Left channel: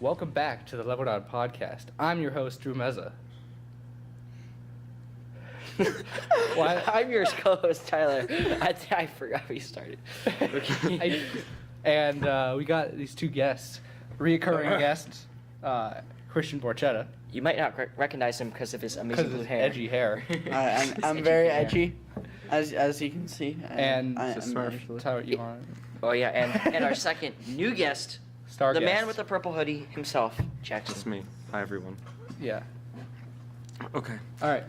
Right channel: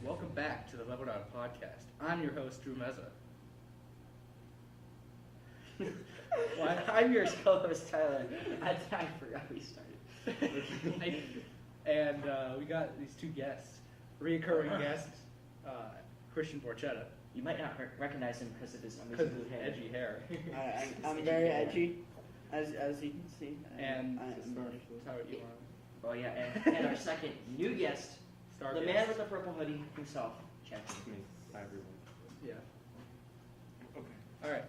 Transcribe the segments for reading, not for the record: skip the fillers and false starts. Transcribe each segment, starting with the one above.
Welcome back to the lv1 podcast. I'm your host, Drew Meza. I'm your co-host, Tyler. I forgot we started. Okay. And we got these two guests, reoccurring guests, Christian Borchetta. You might not recognize him because of his amazing blue hair. Edgy hair. I'm very edgy, as you can see. And Tyler, you want. Oh yeah, and our second new guest, the man with the purple hoodie himself, Jackson. It's me. Hi, everyone. Yeah. Okay. All right.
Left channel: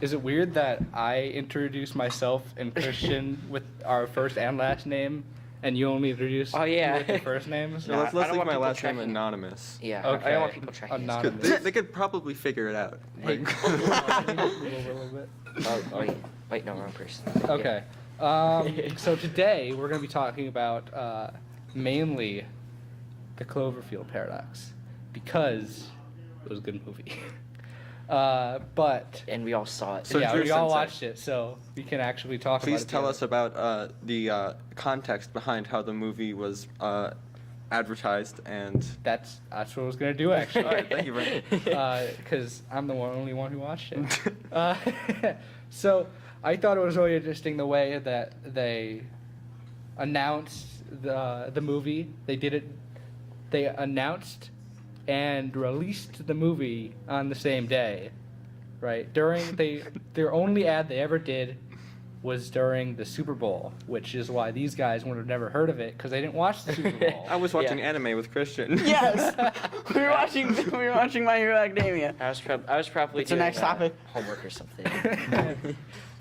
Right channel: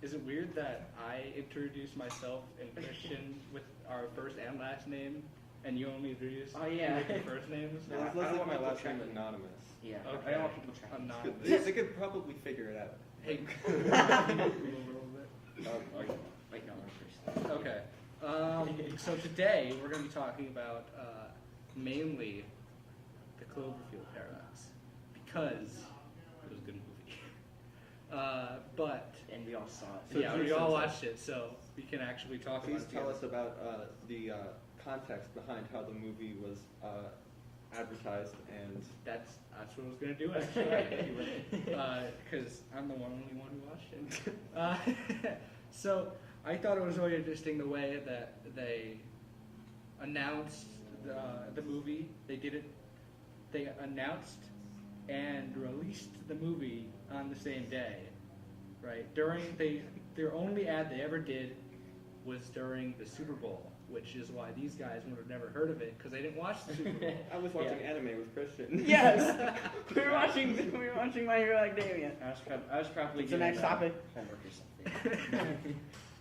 Is it weird that I introduce myself and Christian with our first and last name, and you only introduce Oh, yeah. me with your first names? No, No, let's I don't leave want my people last name tracking. anonymous. Yeah, Okay. I don't want people tracking. Anonymous. They could probably figure it out. Hey. A little bit. Oh, wait, no, wrong person. Okay. So today we're going to be talking about mainly the Cloverfield Paradox because it was a good movie. But And we all saw it. So yeah, Drew we all Sensei. watched it, so we can actually talk about it. Please tell together. us about the context behind how the movie was advertised and. That's what I was going to do actually. All right, thank you very much. Because I'm the only one who watched it. So I thought it was really interesting the way that they announced the movie. They announced and released the movie on the same day, right? Their only ad they ever did was during the Super Bowl, which is why these guys would have never heard of it because they didn't watch the Super Bowl. I was watching anime with Christian. Yes, we were watching My Hero Academia. I was probably It's the doing next topic. homework or something.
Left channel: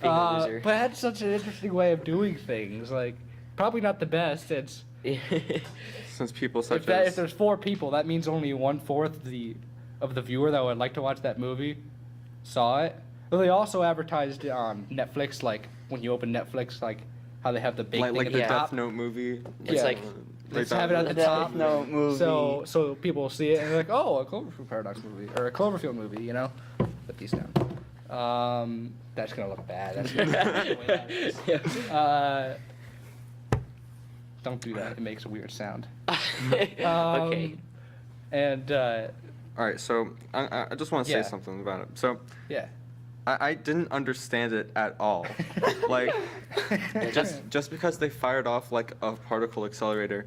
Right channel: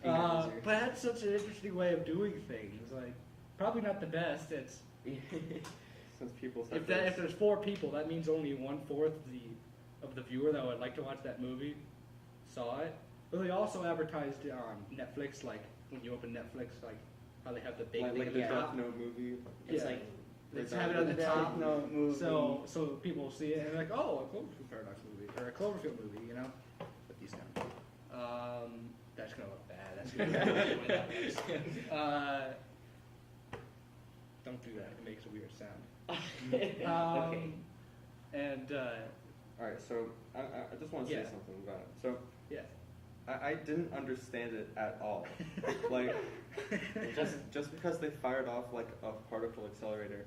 Being a loser. But that's such an interesting way of doing things. Like, probably not the best. It's Since people such if as. there's 4 people, that means only 1/4 of the viewer that would like to watch that movie saw it. But they also advertised it on Netflix, like when you open Netflix, like how they have the big thing like at the the top. Death Note movie. It's Yeah. like Let's that have it at the Death top. Note movie. So people will see it and they're like, oh, a Cloverfield Paradox movie or a Cloverfield movie, you know. Put these down. That's gonna look bad. That's gonna don't do that. It makes a weird sound. okay. And All right, so I just want to say Yeah. something about it. So yeah. I didn't understand it at all. Like, just because they fired off like a particle accelerator,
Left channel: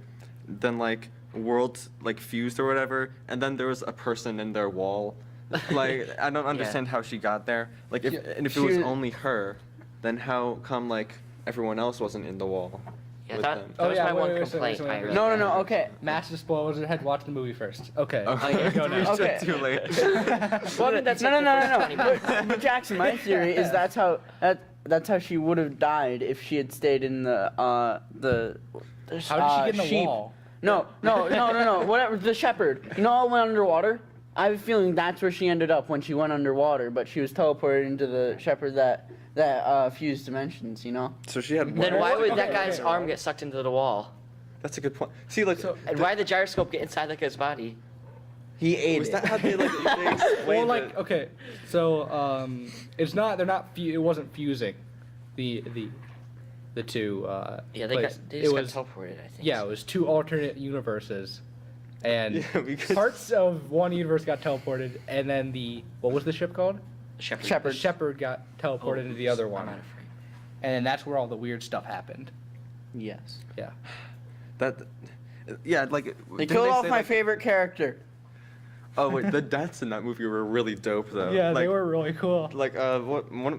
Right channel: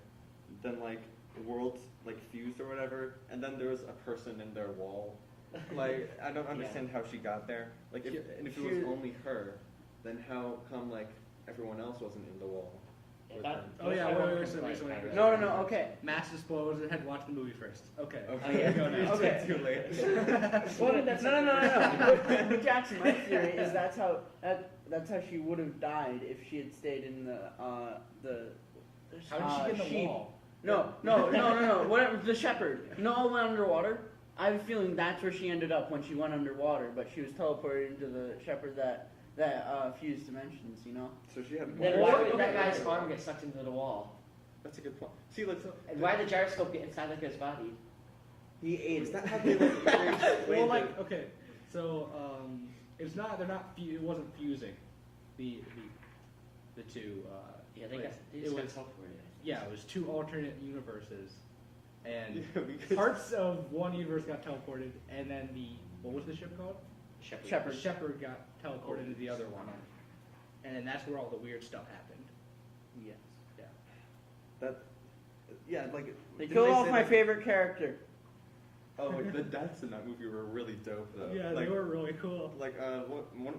then like worlds like fused or whatever, and then there was a person in their wall. Like, I don't understand how she got there. Like, if it was only her, then how come like everyone else wasn't in the wall? Yeah, with that them? was my one wait, complaint. wait. I really No, okay. Mass disclosure. Had to watch the movie first. Okay. Okay. Go now. Okay. Too late. Well, That's no. But Jackson, my theory is that's how she would have died if she had stayed in the How did she get in the sheep. wall? No. Whatever. The shepherd. You know, all went underwater. I have a feeling that's where she ended up when she went underwater, but she was teleported into the shepherd that fused dimensions. You know. So she had. Then why would that Okay, guy's wait. arm get sucked into the wall? That's a good point. See, like, And why did the gyroscope get inside that guy's body? He ate was it. that how they like they explained Well, it? like okay, so it's not. They're not. It wasn't fusing, the two. Yeah, they places. just got was teleported, I think. yeah. It was 2 alternate universes, and Yeah, because- parts of one universe got teleported, and then what was the ship called? Shepherd. The Shepherd got teleported into the other I'm one, not afraid. and then that's where all the weird stuff happened. Yes. Yeah. That. Yeah, like. They didn't killed off say my that- favorite character. Oh wait, the deaths in that movie were really dope though. Yeah, like, they were really cool. Like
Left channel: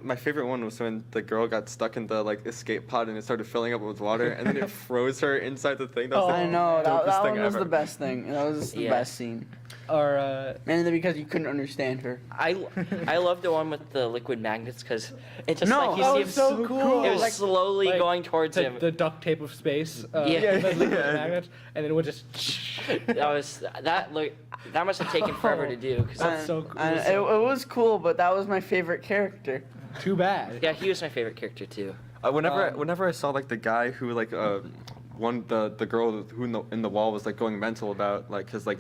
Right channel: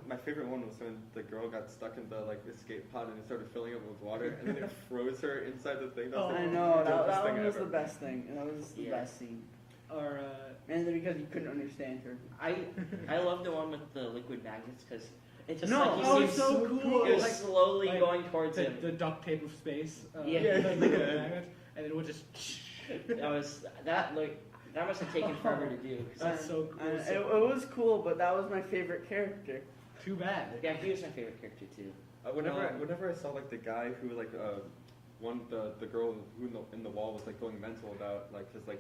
my favorite one was when the girl got stuck in the like escape pod and it started filling up with water and then it froze her inside the thing. That was, I like, know the that dopest thing one was ever. the best thing. That was the Yeah. best scene. Or Mainly because you couldn't understand her. I love the one with the liquid magnets because it's just No, like you that see was him. so cool. It was Like- slowly like going towards him. the duct tape of space. Yeah. the liquid magnets, and then it would just. That must have taken forever to do. 'Cause That's so cool. And it was cool, but that was my favorite character. Too bad. yeah, he was my favorite character too. Whenever I saw like the guy who like the girl who in the wall was like going mental about like his like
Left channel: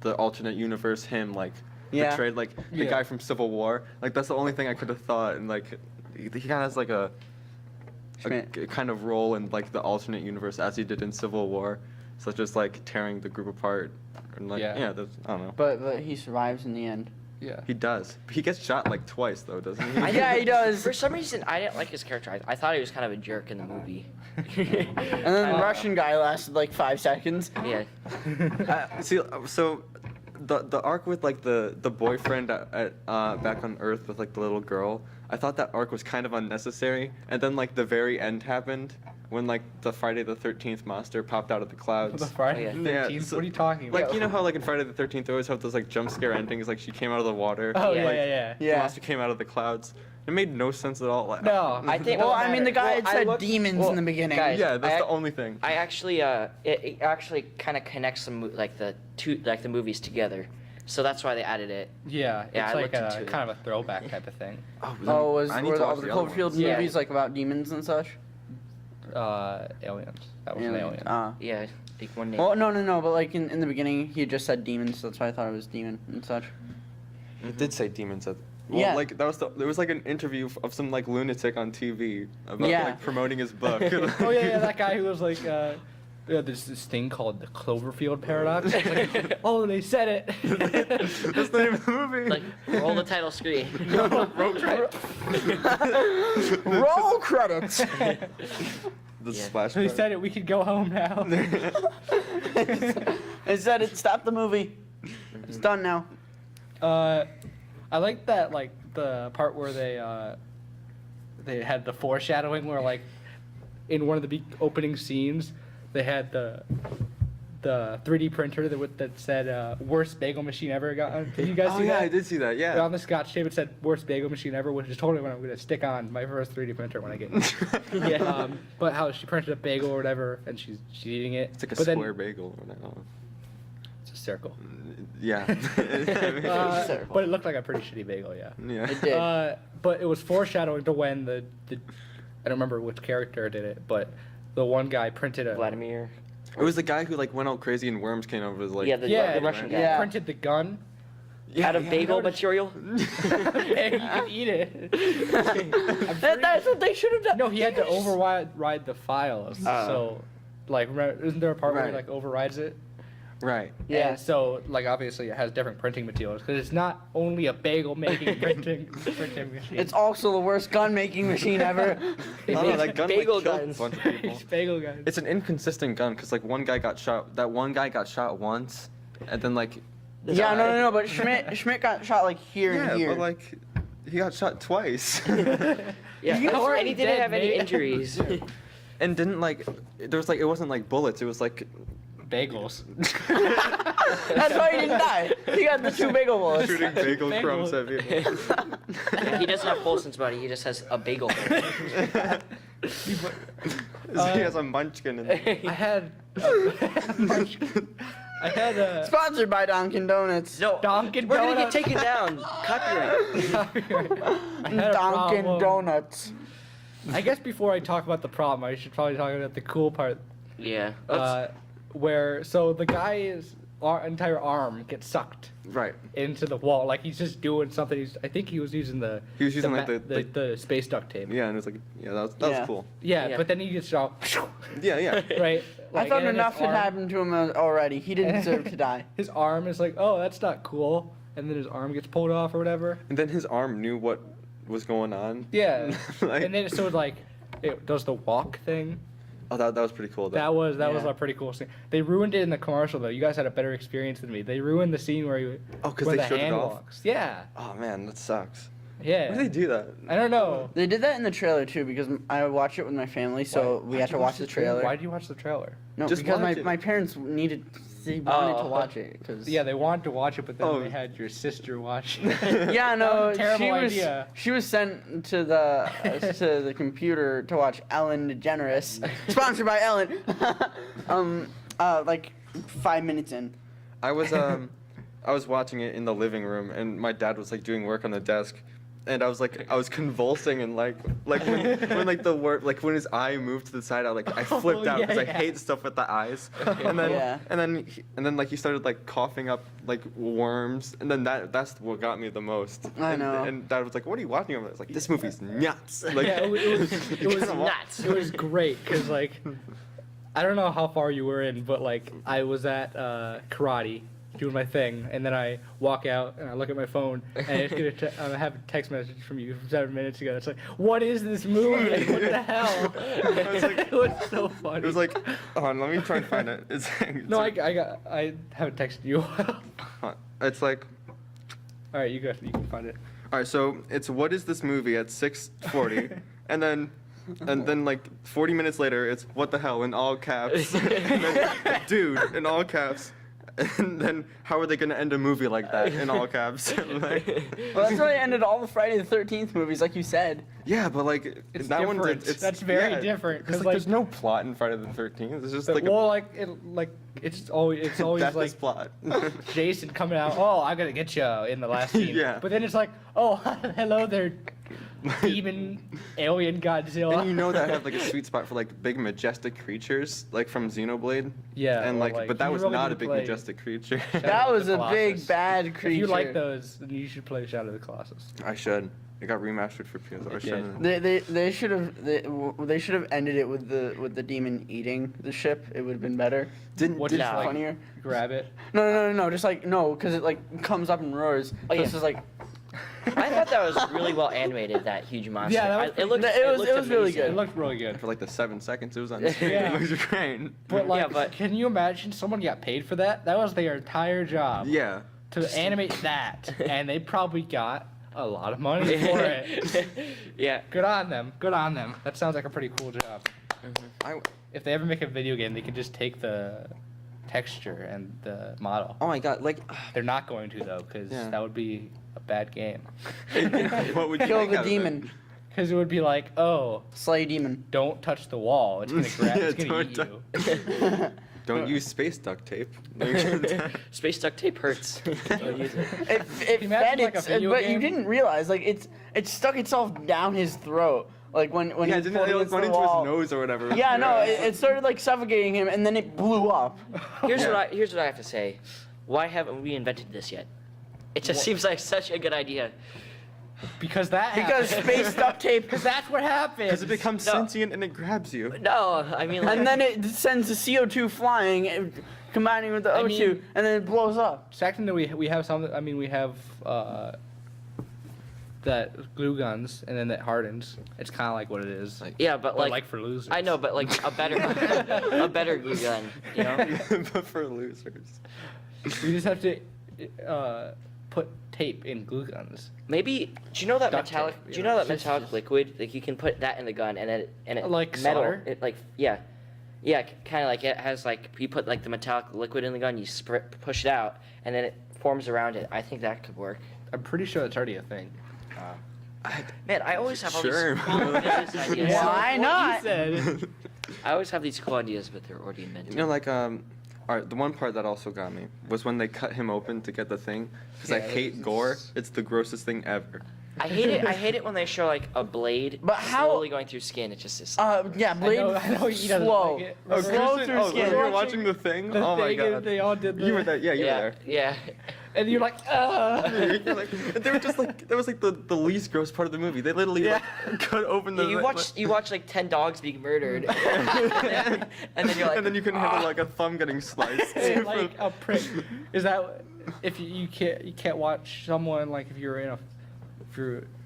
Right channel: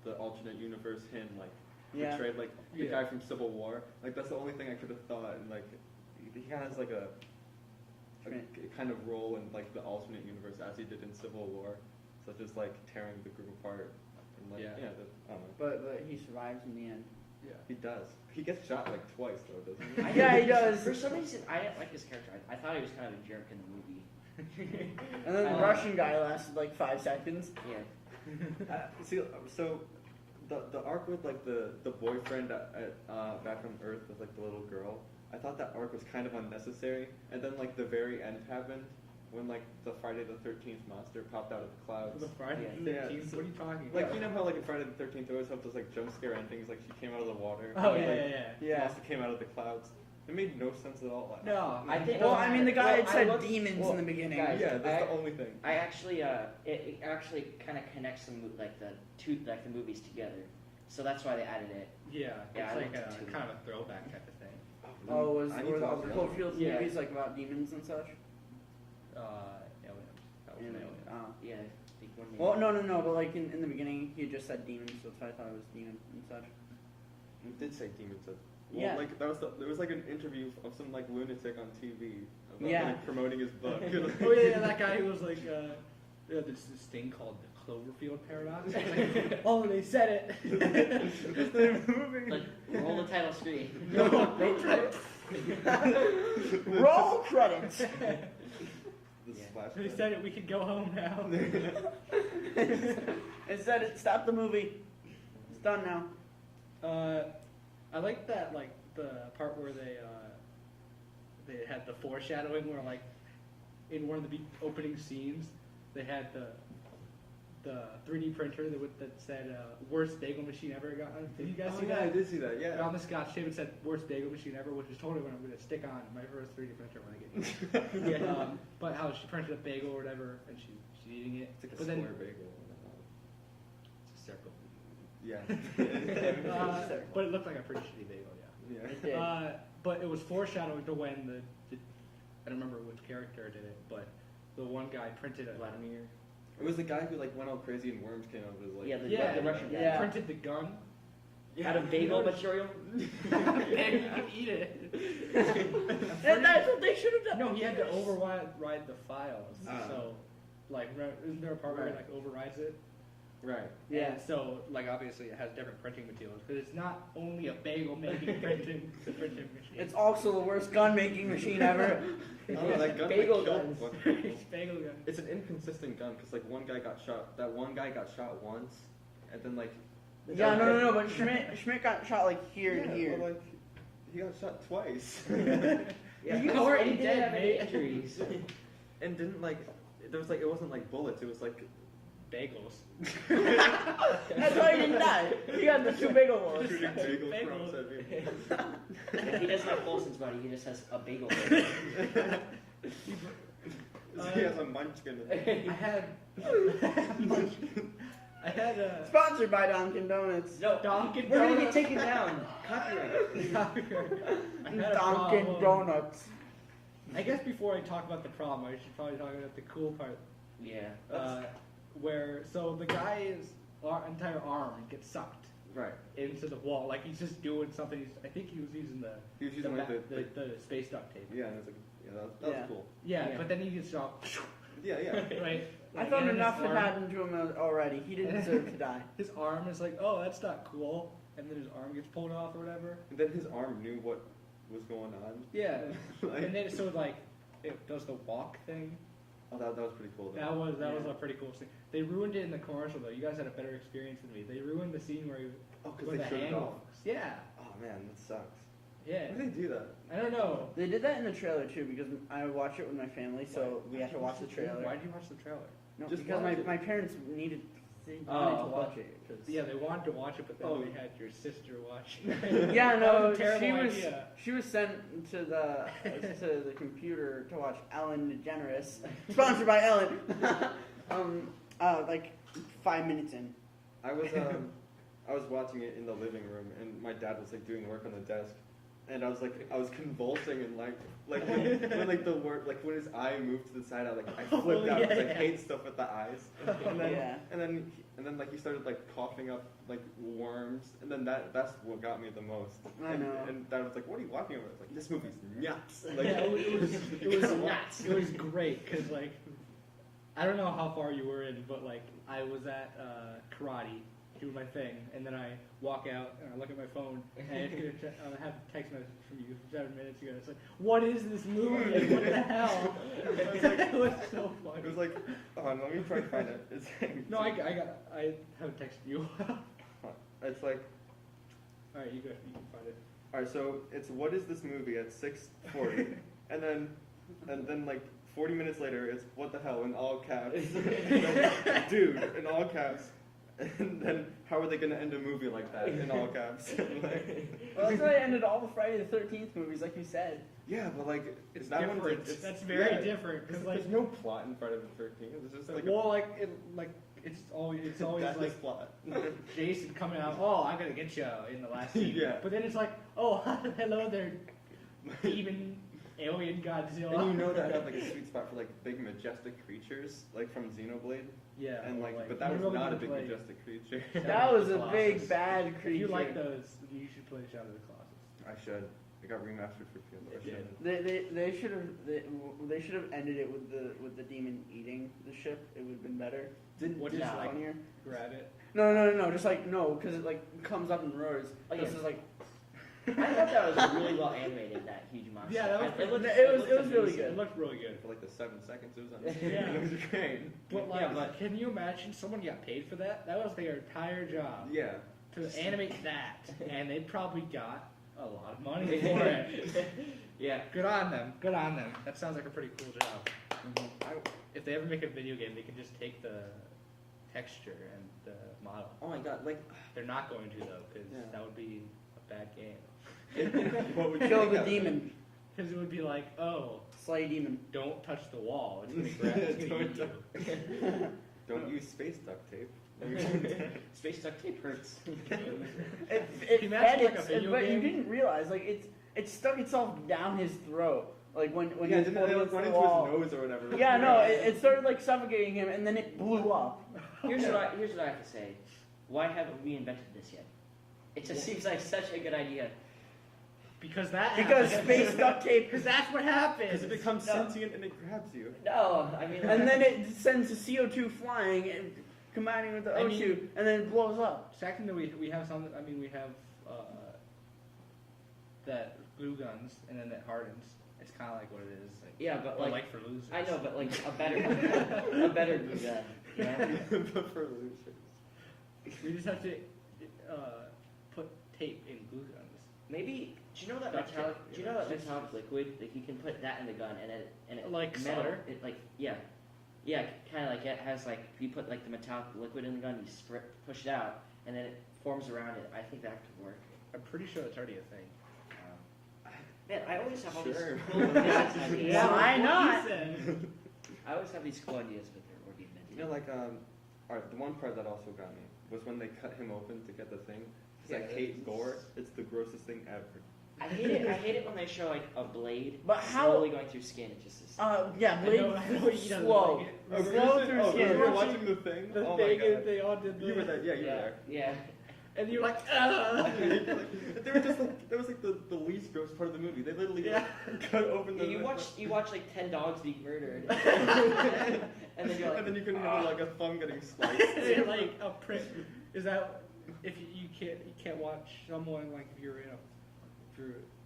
the alternate universe him like Yeah. betrayed like the Yeah. guy from Civil War, like that's the only thing I could have thought, and like he kind of has like a kind of role in like the alternate universe as he did in Civil War, such as like tearing the group apart And like, Yeah. that's, I don't know. But he survives in the end. Yeah. He does. He gets shot like twice though, doesn't he? Yeah, he does. For some reason, I didn't like his character. I thought he was kind of a jerk in the movie. And then the Russian guy lasted like 5 seconds. Yeah. See, so the arc with like the boyfriend at back on Earth with like the little girl, I thought that arc was kind of unnecessary. And then like the very end happened when like the Friday the 13th monster popped out of the clouds. The Friday the Yeah, 13th? so- What are you talking about? Like, you know how like in Friday the 13th they always have those like jump scare endings, like she came out of the water. Oh, Yeah. yeah. The Yeah. monster came out of the clouds. It made no sense at all. Like, No. I think. Well, I mean, the guy had Well, I said looked- demons well, in the beginning. guys, yeah, that's I- the only thing. I actually, it actually kind of connects some like the movies together, so that's why they added it. Yeah, Yeah, it's I like looked into it. kind of a throwback type of thing. Oh, I need were to the watch the other Cloverfield ones. Yeah. movies like about demons and such? Aliens. That was an alien. Yeah, like one name. Well, no, but like in the beginning, he had just said demons, so that's why I thought it was demon and such. It did say demons. Well, Yeah. like there was like an interview of some like lunatic on TV about Yeah. like promoting his book. Oh yeah, that guy who was like, there's this thing called the Cloverfield Paradox. It's like, oh, they said it. That's the name of the movie. Like roll the title screen. Roll credits. The Yeah. splash. They pad. said it. We could go home now. It said it stopped the movie. It's done now. I like that, like the part where they had the foreshadowing, where like in one of the opening scenes, they had the 3D printer that said worst bagel machine ever gotten. Did you guys Oh see yeah, that? I did see that. Yeah. On the Scotch tape, it said worst bagel machine ever, which is totally what I'm gonna stick on my first 3D printer when I get it. Yeah. But how she printed a bagel or whatever, and she's eating it. It's like a but then- square bagel. Or whatever. It's a circle. Yeah. But it looked like a pretty shitty bagel, yeah. Yeah. It did. But it was foreshadowing to when the I don't remember which character did it, but the one guy printed a Vladimir. It was the guy who like went all crazy and worms came over his like. Yeah, the Russian guy. Yeah. printed the gun. Out of bagel material. And you can eat it. That's what they should have done. No, he had to override the files. So, like, isn't there a part where he Right. like overrides it? Right. Yeah. And so, like, obviously, it has different printing materials because it's not only a bagel making printing machine. It's also the worst gun making machine ever. No, that gun Bagel like, killed guns. a bunch of people. It's bagel guns. It's an inconsistent gun because like one guy got shot. That one guy got shot once, and then like. Yeah, no, but Schmidt got shot like here Yeah, and here. but like, he got shot twice. Yeah, You and already he didn't dead, have any mate. injuries. And didn't like, there was like, it wasn't like bullets. It was like. Bagels. That's why he didn't die. He got the 2 bagel bullets. Shooting bagel Bagel. crumbs at people. He doesn't have Paulson's body. He just has a bagel. He has a munchkin. I had. I had a. Sponsored by Dunkin' Donuts. No, Dunkin' we're gonna get Donuts. taken down. Copyright. I had a Dunkin' problem. Donuts. I guess before I talk about the problem, I should probably talk about the cool part. Yeah. Where so the guy's entire arm gets sucked Right. into the wall, like he's just doing something. I think he was using the. He was using like the space duct tape. Yeah, and it's like, yeah, that was Yeah. cool. Yeah, Yeah. but then he gets shot. Yeah, yeah. Right. I Like, thought and his enough had arm- happened to him already. He didn't deserve to die. His arm is like, oh, that's not cool, and then his arm gets pulled off or whatever. And then his arm knew what was going on. Yeah. Like- And then so like, it does the walk thing. Oh, that was pretty cool. Though. That was Yeah. a pretty cool scene. They ruined it in the commercial though. You guys had a better experience than me. They ruined the scene where he Oh, 'cause where they the showed it hand off? walks. Yeah. Oh man, that sucks. Yeah. Why do they do that? I don't know. They did that in the trailer too because I watched it with my family, so we had to watch the trailer. Why did you watch the trailer? No, Just because watch it. my parents they wanted to Oh. watch it. Cause Yeah, they wanted to watch it, but then Oh. they had your sister watch it. Yeah, no, That was a terrible she was, idea. She was sent to the computer to watch Ellen DeGeneres, sponsored by Ellen. Like 5 minutes in. I was watching it in the living room, and my dad was like doing work on the desk, and I was convulsing and like when like the word like when his eye moved to the side, I flipped out yeah, because I yeah. hate stuff with the eyes, and then Yeah. and then like he started like coughing up like worms, and then that's what got me the most. I And- know. And dad was like, "What are you watching?" I was like, "This movie's nuts." Like, Yeah, it was Come on. nuts. It was great because like, I don't know how far you were in, but like I was at karate doing my thing, and then I walk out and I look at my phone and I have a text message from you from 7 minutes ago. It's like, what is this movie? Like, what the hell? It was so funny. It was like, hold on, let me try and find it. It's No, I haven't texted you. it's like, All right, you can find it. all right, so it's what is this movie at 6:40, and then like 40 minutes later, it's what the hell in all caps, and then dude in all caps, and then how are they gonna end a movie like that in all caps? Like, Well, that's how they ended all the Friday the 13th movies, like you said. yeah, but like It's that different. one's That's very yeah, different, 'cause, Because like- there's no plot in Friday the 13th. It's just like well, it's always that's like his plot. Jason coming out. Oh, I'm gonna get you in the last scene. Yeah. But then it's like, oh, hello there, demon alien Godzilla. And you know that had like a sweet spot for like big majestic creatures, like from Xenoblade. Yeah. And well, like, but that you was really not a need to big play majestic creature. That was a Colossus. big bad creature. If you like those, then you should play Shadow of the Colossus. I should. It got remastered for PS. I It should. They should have ended it with the demon eating the ship. It would have been better. Didn't What did, did you like? Funnier. Grab it. No. Just like no, because it like comes up and roars. Oh, So yeah. it's just like I thought that was really well animated. That huge monster. Yeah, that was it looked. it was looked really amazing. good. It looked really good. for like the 7 seconds it was on screen. Yeah. It was great. But like, Yeah, but- can you imagine someone got paid for that? That was their entire job. Yeah. To animate that, and they probably got a lot of money for it. Yeah. Good on them. Good on them. That sounds like a pretty cool job. I, If they ever make a video game, they can just take the texture and the model. oh my god, like They're not going to though, because Yeah. that would be a bad game. what would you kill make the out of it? demon, Because it would be like, oh, slay demon. don't touch the wall. It's gonna grab. Yeah, It's gonna eat don't you. Don't use space duct tape. Space duct tape hurts. Don't use it. It you imagine, fed like, a its, video but game? you didn't realize like it stuck itself down his throat. Like when yeah, he didn't pulled it against went the into wall. his nose or whatever. Yeah, no, it started like suffocating him, and then it blew up. Here's what I have to say. Why haven't we invented this yet? It just seems like such a good idea. Because that. Because happened. space duct tape. Because that's what happens. Because it becomes No. sentient and it grabs you. No, I mean. And then it sends the CO2 flying, combining with the I O2, mean- and then it blows up. Second, that we have something. I mean, we have that glue guns, and then that hardens. It's kind of like what it is. Yeah, but But like for losers. I know, but like a better glue gun, you know? But for losers. You just have to put tape in glue guns. Maybe do you know that Duct metallic? tape, Do you you know know, that it's metallic just- liquid? Like you can put that in the gun, and it Like metal. solder? It like yeah, kind of like it has like you put like the metallic liquid in the gun, you push it out, and then it forms around it. I think that could work. I'm pretty sure it's already a thing. Man, I always have all Sure. these cool ideas. Why not? Said. I always have these cool ideas, but they're already invented. You know, like alright, the one part that also got me was when they cut him open to get the thing. Because I Yeah, hate gore. It's the grossest thing ever. I hate it. I hate it when they show like a blade But how- slowly going through skin. It just is. Yeah, blade I know he doesn't slow. like it. Oh, Slow Kristen? through Oh, skin. you were watching the thing? The Oh my thing is, god. they all did the. You were there. Yeah, you were there. Yeah. And you're like, You're like- they were just like that was like the least gross part of the movie. They literally like cut open the. You watch like 10 dogs being murdered, and then you're like, and then you can handle like a thumb getting sliced. It's like a prick. Is that if you can't watch someone like if you're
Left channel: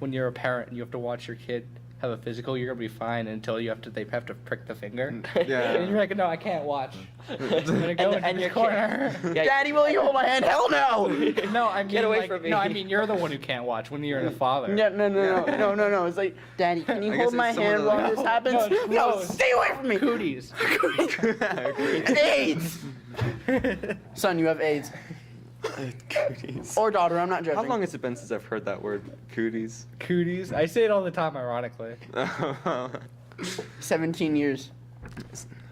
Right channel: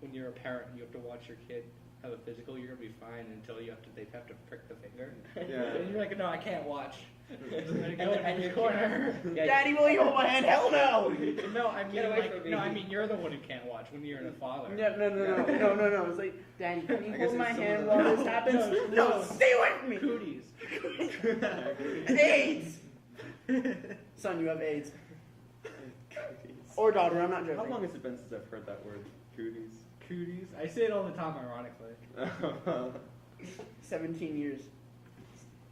when you're a parent and you have to watch your kid have a physical, you're gonna be fine until they have to prick the finger. Yeah. And you're like, no, I can't watch. I'm gonna go And in your the corner. Yeah, Daddy, will you hold my hand? Hell no! No, I mean Get away like, from me. no, I mean you're the one who can't watch when you're the father. No. It's like, Daddy, can you I hold guess my it's someone hand that- while this happens? No, No, stay away from me! Cooties. AIDS! Son, you have AIDS. Cooties. Or daughter, I'm not judging. How long has it been since I've heard that word, cooties? Cooties. I say it all the time, ironically. 17 years.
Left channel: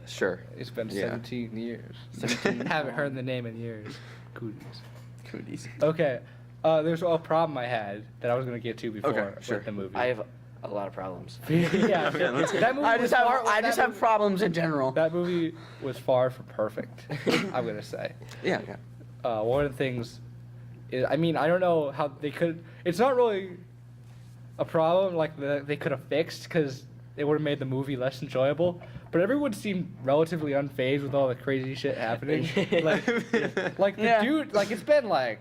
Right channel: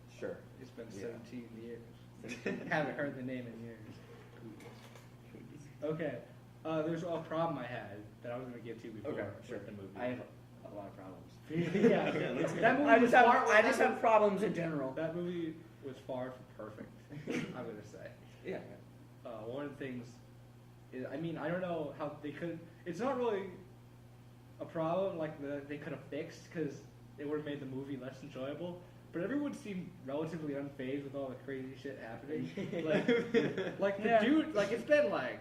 Sure. It's been Yeah. 17 years. 17. Haven't heard the name in years. Cooties. Cooties. Okay. There's a problem I had that I was gonna get to before Okay, sure. with the movie. I have a lot of problems. Yeah. Okay, let's that movie I was just have far- I just have problems in general. That movie was far from perfect. I'm gonna say. Yeah. One of the things is, I mean, I don't know how they could. It's not really a problem like they could have fixed because it would have made the movie less enjoyable. But everyone seemed relatively unfazed with all the crazy shit happening. like the Yeah. dude, like it's been like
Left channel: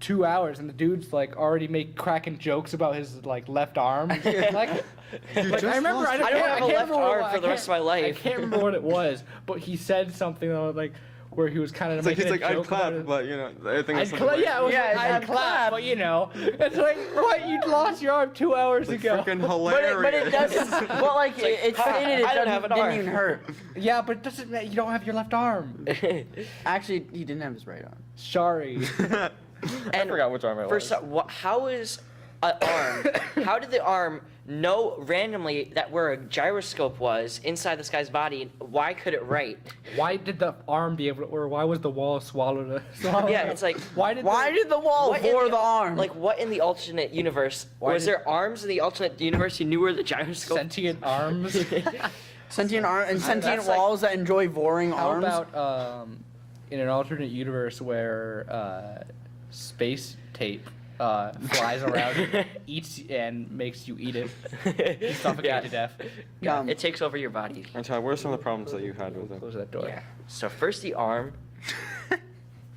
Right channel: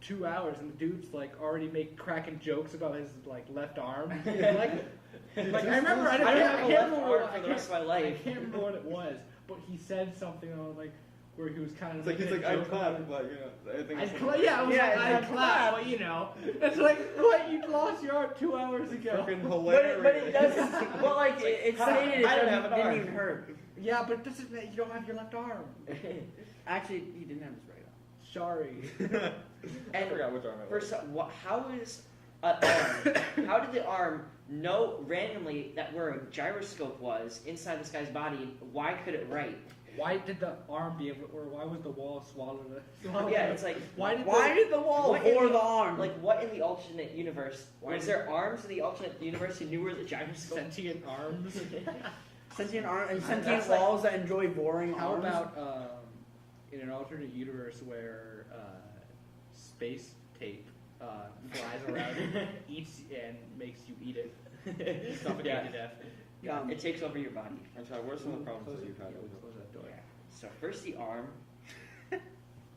2 hours and the dude's like already cracking jokes about his like left arm. like I remember, I don't have a left arm for the rest of my I life. can't remember what it was, but he said something like where he was kind of It's like making he's a like I'd joke about clap, it. but you know everything I'd is cla- yeah, I was Yeah, like, I'd I'd clap, clap. but you know, it's like, what, you lost your arm 2 hours ago. freaking But hilarious. it doesn't. Well, like it "Ha, stated, I don't have an didn't arm." even hurt. Yeah, but it doesn't matter, you don't have your left arm. Actually, he didn't have his right arm. Sorry. I forgot which arm it was. First up, how is an arm? How did the arm know randomly that where a gyroscope was inside this guy's body? And why could it write? Why did the arm be able to, or why was the wall swallowed? Yeah, it's like Why did Why did the wall what in bore the arm? Like what in the alternate universe? Why Was did- there arms in the alternate universe who knew where the gyroscope? sentient arms? sentient arm and sentient That's like- walls that enjoy boring How arms. about in an alternate universe where space tape flies around, eats and makes you eat it, you suffocate Yeah. to death? Gum. It takes over your body. And Ty, what are some of the problems that you had with it? Close that door. Yeah. So first the arm.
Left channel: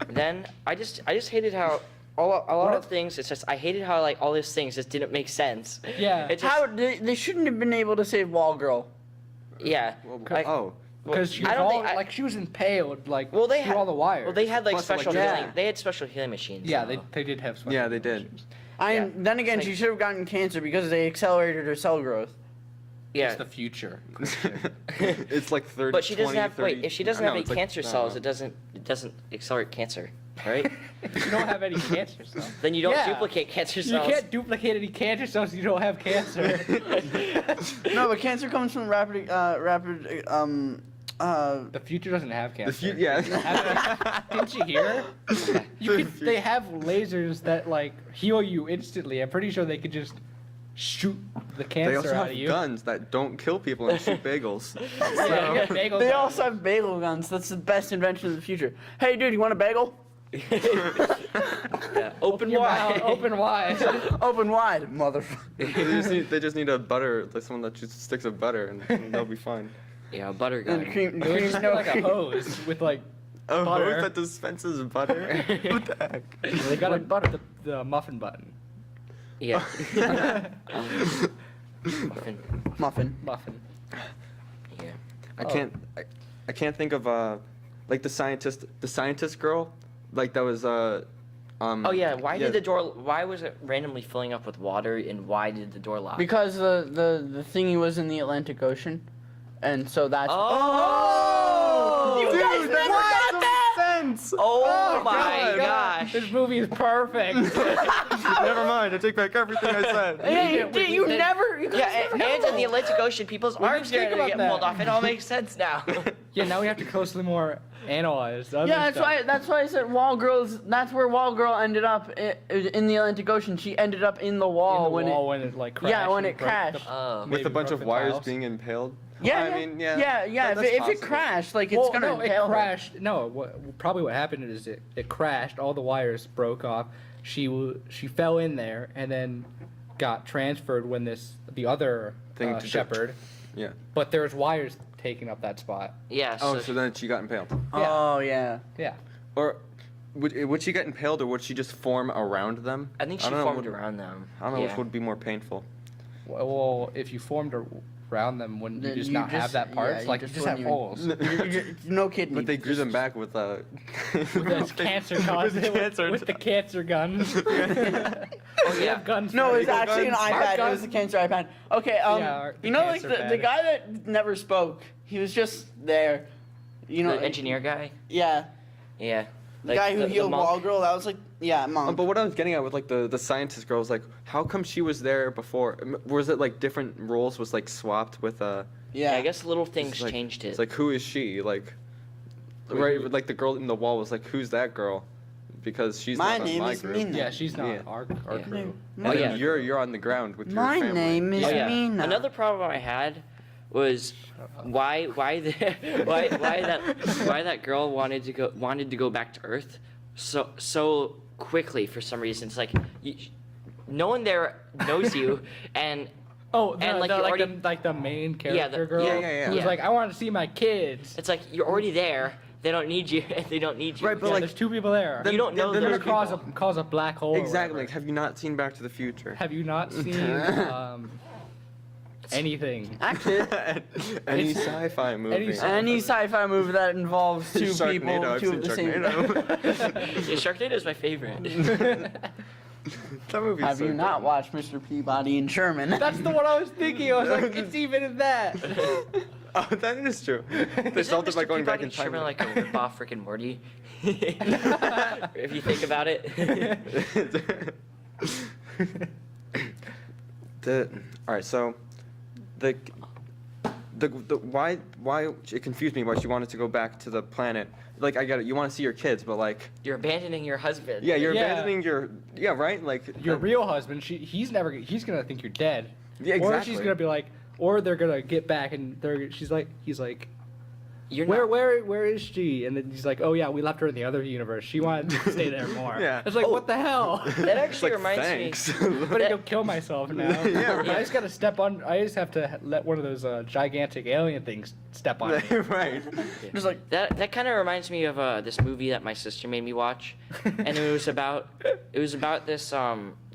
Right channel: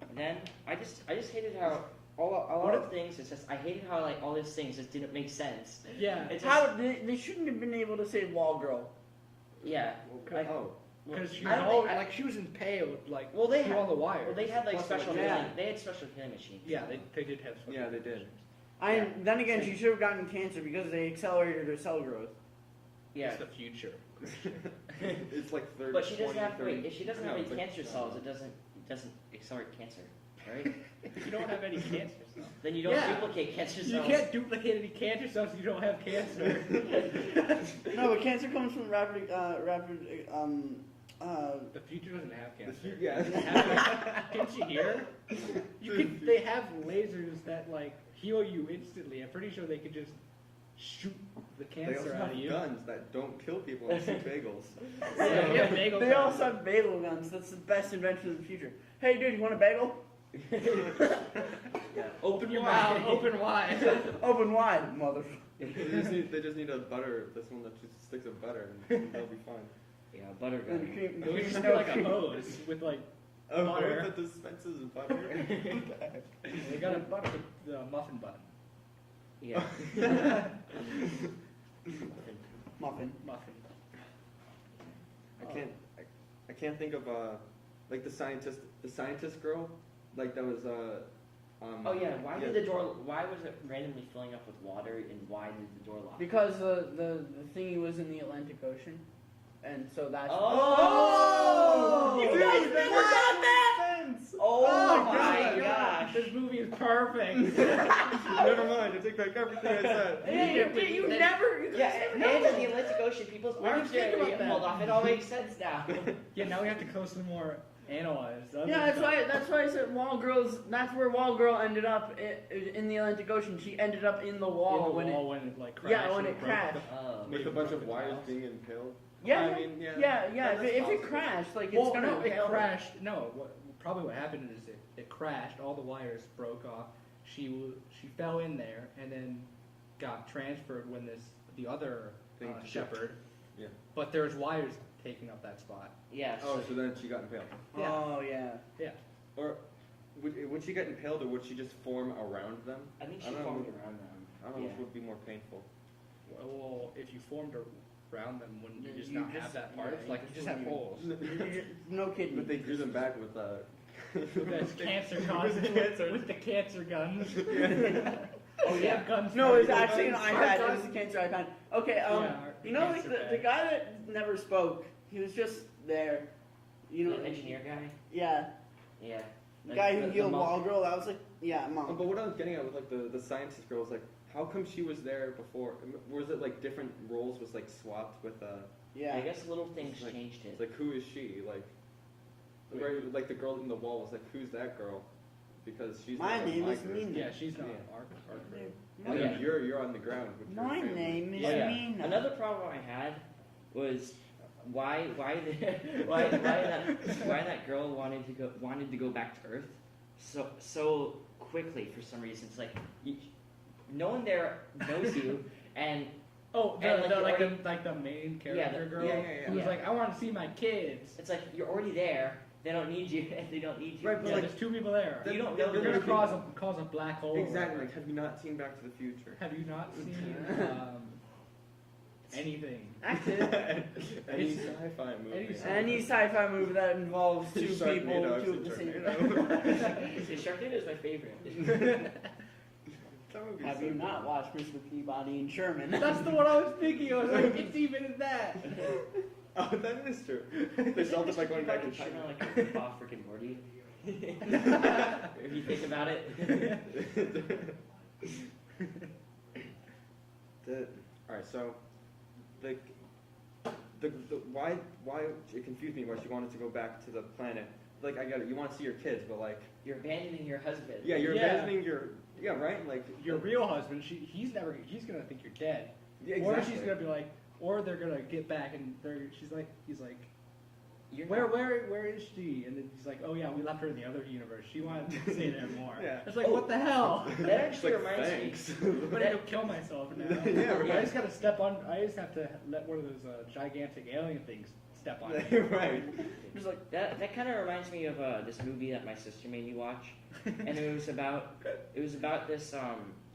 Then I just hated how a lot of things. It's just I hated how like all these things just didn't make sense. Yeah. It just How they shouldn't have been able to save Wall Girl. yeah. I- Oh, Because she was I don't all, think I- like she was impaled like Well, they through had all the wires. Well, they had like Plus, like, special yeah. healing. They had special healing machines. yeah, they did have. special Yeah, they did. machines. Yeah. Then again, It's she like- should have gotten cancer because they accelerated her cell growth. Yeah. It's the future. it's like 30. But she doesn't 20, have 30 wait. If she doesn't no, have any it's like- cancer no, cells, no. it doesn't accelerate cancer, right? You don't have any cancer cells. Then you don't Yeah. duplicate cancer You cells. can't duplicate any cancer cells if you don't have cancer. No, but cancer comes from rapid. The future doesn't have The cancer. yeah. Didn't you hear? They have lasers that like heal you instantly. I'm pretty sure they could just shoot the They cancer also out have of you. guns that don't kill people and shoot bagels. Yeah, you got bagels They out. also have bagel guns. That's the best invention of the future. Hey, dude, you want a bagel? Yeah. Open Your wide. mouth open wide. Open wide, motherfucker. they just need a butter, like someone that just sticks of butter, and they'll be fine. Yeah, butter And gun. cream, It would just be like a hose with like. A Butter. hose that dispenses butter? What the heck? They got With butter. the muffin button. Yeah. Muffin. Muffin. Muffin. Yeah. I can't think of like the scientist girl, like that was Oh yeah. Why was it randomly filling up with water, and why did the door lock? Because the thingy was in the Atlantic Ocean, and so that's. Oh! You guys never got that? Oh my gosh! This movie is perfect. Never mind. I take back everything I said. Hey, you never. You guys Yeah, never and know. in the Atlantic Ocean, people's What do you arms think are gonna about get that? pulled off. It all makes sense now. Yeah, now we have to closely more analyze. the other Yeah, that's stuff. why. That's why I said Wall Girls. That's where Wall Girl ended up in the Atlantic Ocean. She ended up in the wall In the when wall when it like crashed. Yeah, when and it broke the- crashed. Oh. With a bunch broke of the wires tiles. being impaled. Yeah, I mean, yeah. yeah. that's If it possible. crashed, like it's Well, gonna no, it impale her. crashed. No, probably what happened is it crashed. All the wires broke off. She fell in there and then got transferred when the other Thing to shepherd. Yeah. But there's wires taking up that spot. Yeah. Oh, So, so then she got impaled. Oh yeah. Yeah. Or would she get impaled, or would she just form around them? I think she don't know formed what- around them. I don't know yeah. which would be more painful. Well, if you formed around them, wouldn't you Then just you not have just- that part? yeah, you like you just just have wouldn't even- holes. No kidney. But they grew them back with That's cancer guns. With the cancer guns. Oh, We yeah. have guns. No, for it was people. actually an Our iPad. It guns- was the cancer iPad. Okay, Yeah, you know, like cancer the pad. guy that never spoke. He was just there. You know, The engineer guy. Yeah, Yeah. the guy who the healed monk. Wall Girl. That was like, yeah, mom. But what I was getting at with like the scientist girl was like, how come she was there before? Was it like different roles was like swapped with Yeah. I guess little things It's like- changed it. It's like, who is she? Like, right? Like the girl in the wall was like, who's that girl? Because she's My not on name my is group. Mina. Yeah, she's not Yeah. our Yeah. crew. But Oh, yeah. you're on the ground with your My family. name is Oh, yeah. Mina. Another problem I had was why that girl wanted to go back to Earth so quickly for some reason. It's like no one there knows you, and Oh, And, like, you already- the main Yeah, character the- girl yeah. who's Yeah. like, I want to see my kids. It's like you're already there. They don't need you. They don't need you. Right, but Yeah, like there's two people there. You don't know then They're those gonna people. cause a black hole. or exactly. Like, whatever. have you not seen Back to the Future? Have you not seen anything? Actually, Any It's- sci-fi movie. any sci-fi movie that involves two people, Sharknado, I've two seen of the same. Sharknado. Yeah, Sharknado is my favorite. That movie. Have you not watched Mr. Peabody and Sherman? That's the one I was thinking. I was like, it's even in that. Oh, that is true. They Isn't solved it by Mr. going back Peabody in time. Sherman like a rip-off Rick and Morty? If you think about it. All right, so the why it confused me why she wanted to go back to the planet. Like, I get it, you want to see your kids, but like, You're abandoning your husband. yeah, you're Yeah. abandoning your, yeah, right, like Your real husband, he's gonna think you're dead. yeah, Or exactly. she's gonna be like, or they're gonna get back and he's like, You're where not, where is she? And then he's like, oh yeah, we left her in the other universe. She wanted to stay there more. Yeah. It's like, Oh. what the hell? That It's actually like, reminds thanks. I'm gonna go kill myself now. Yeah, right. I just gotta step on. I just have to let one of those gigantic alien things step on me. Right. Just like that kind of reminds me of this movie that my sister made me watch, and it was about this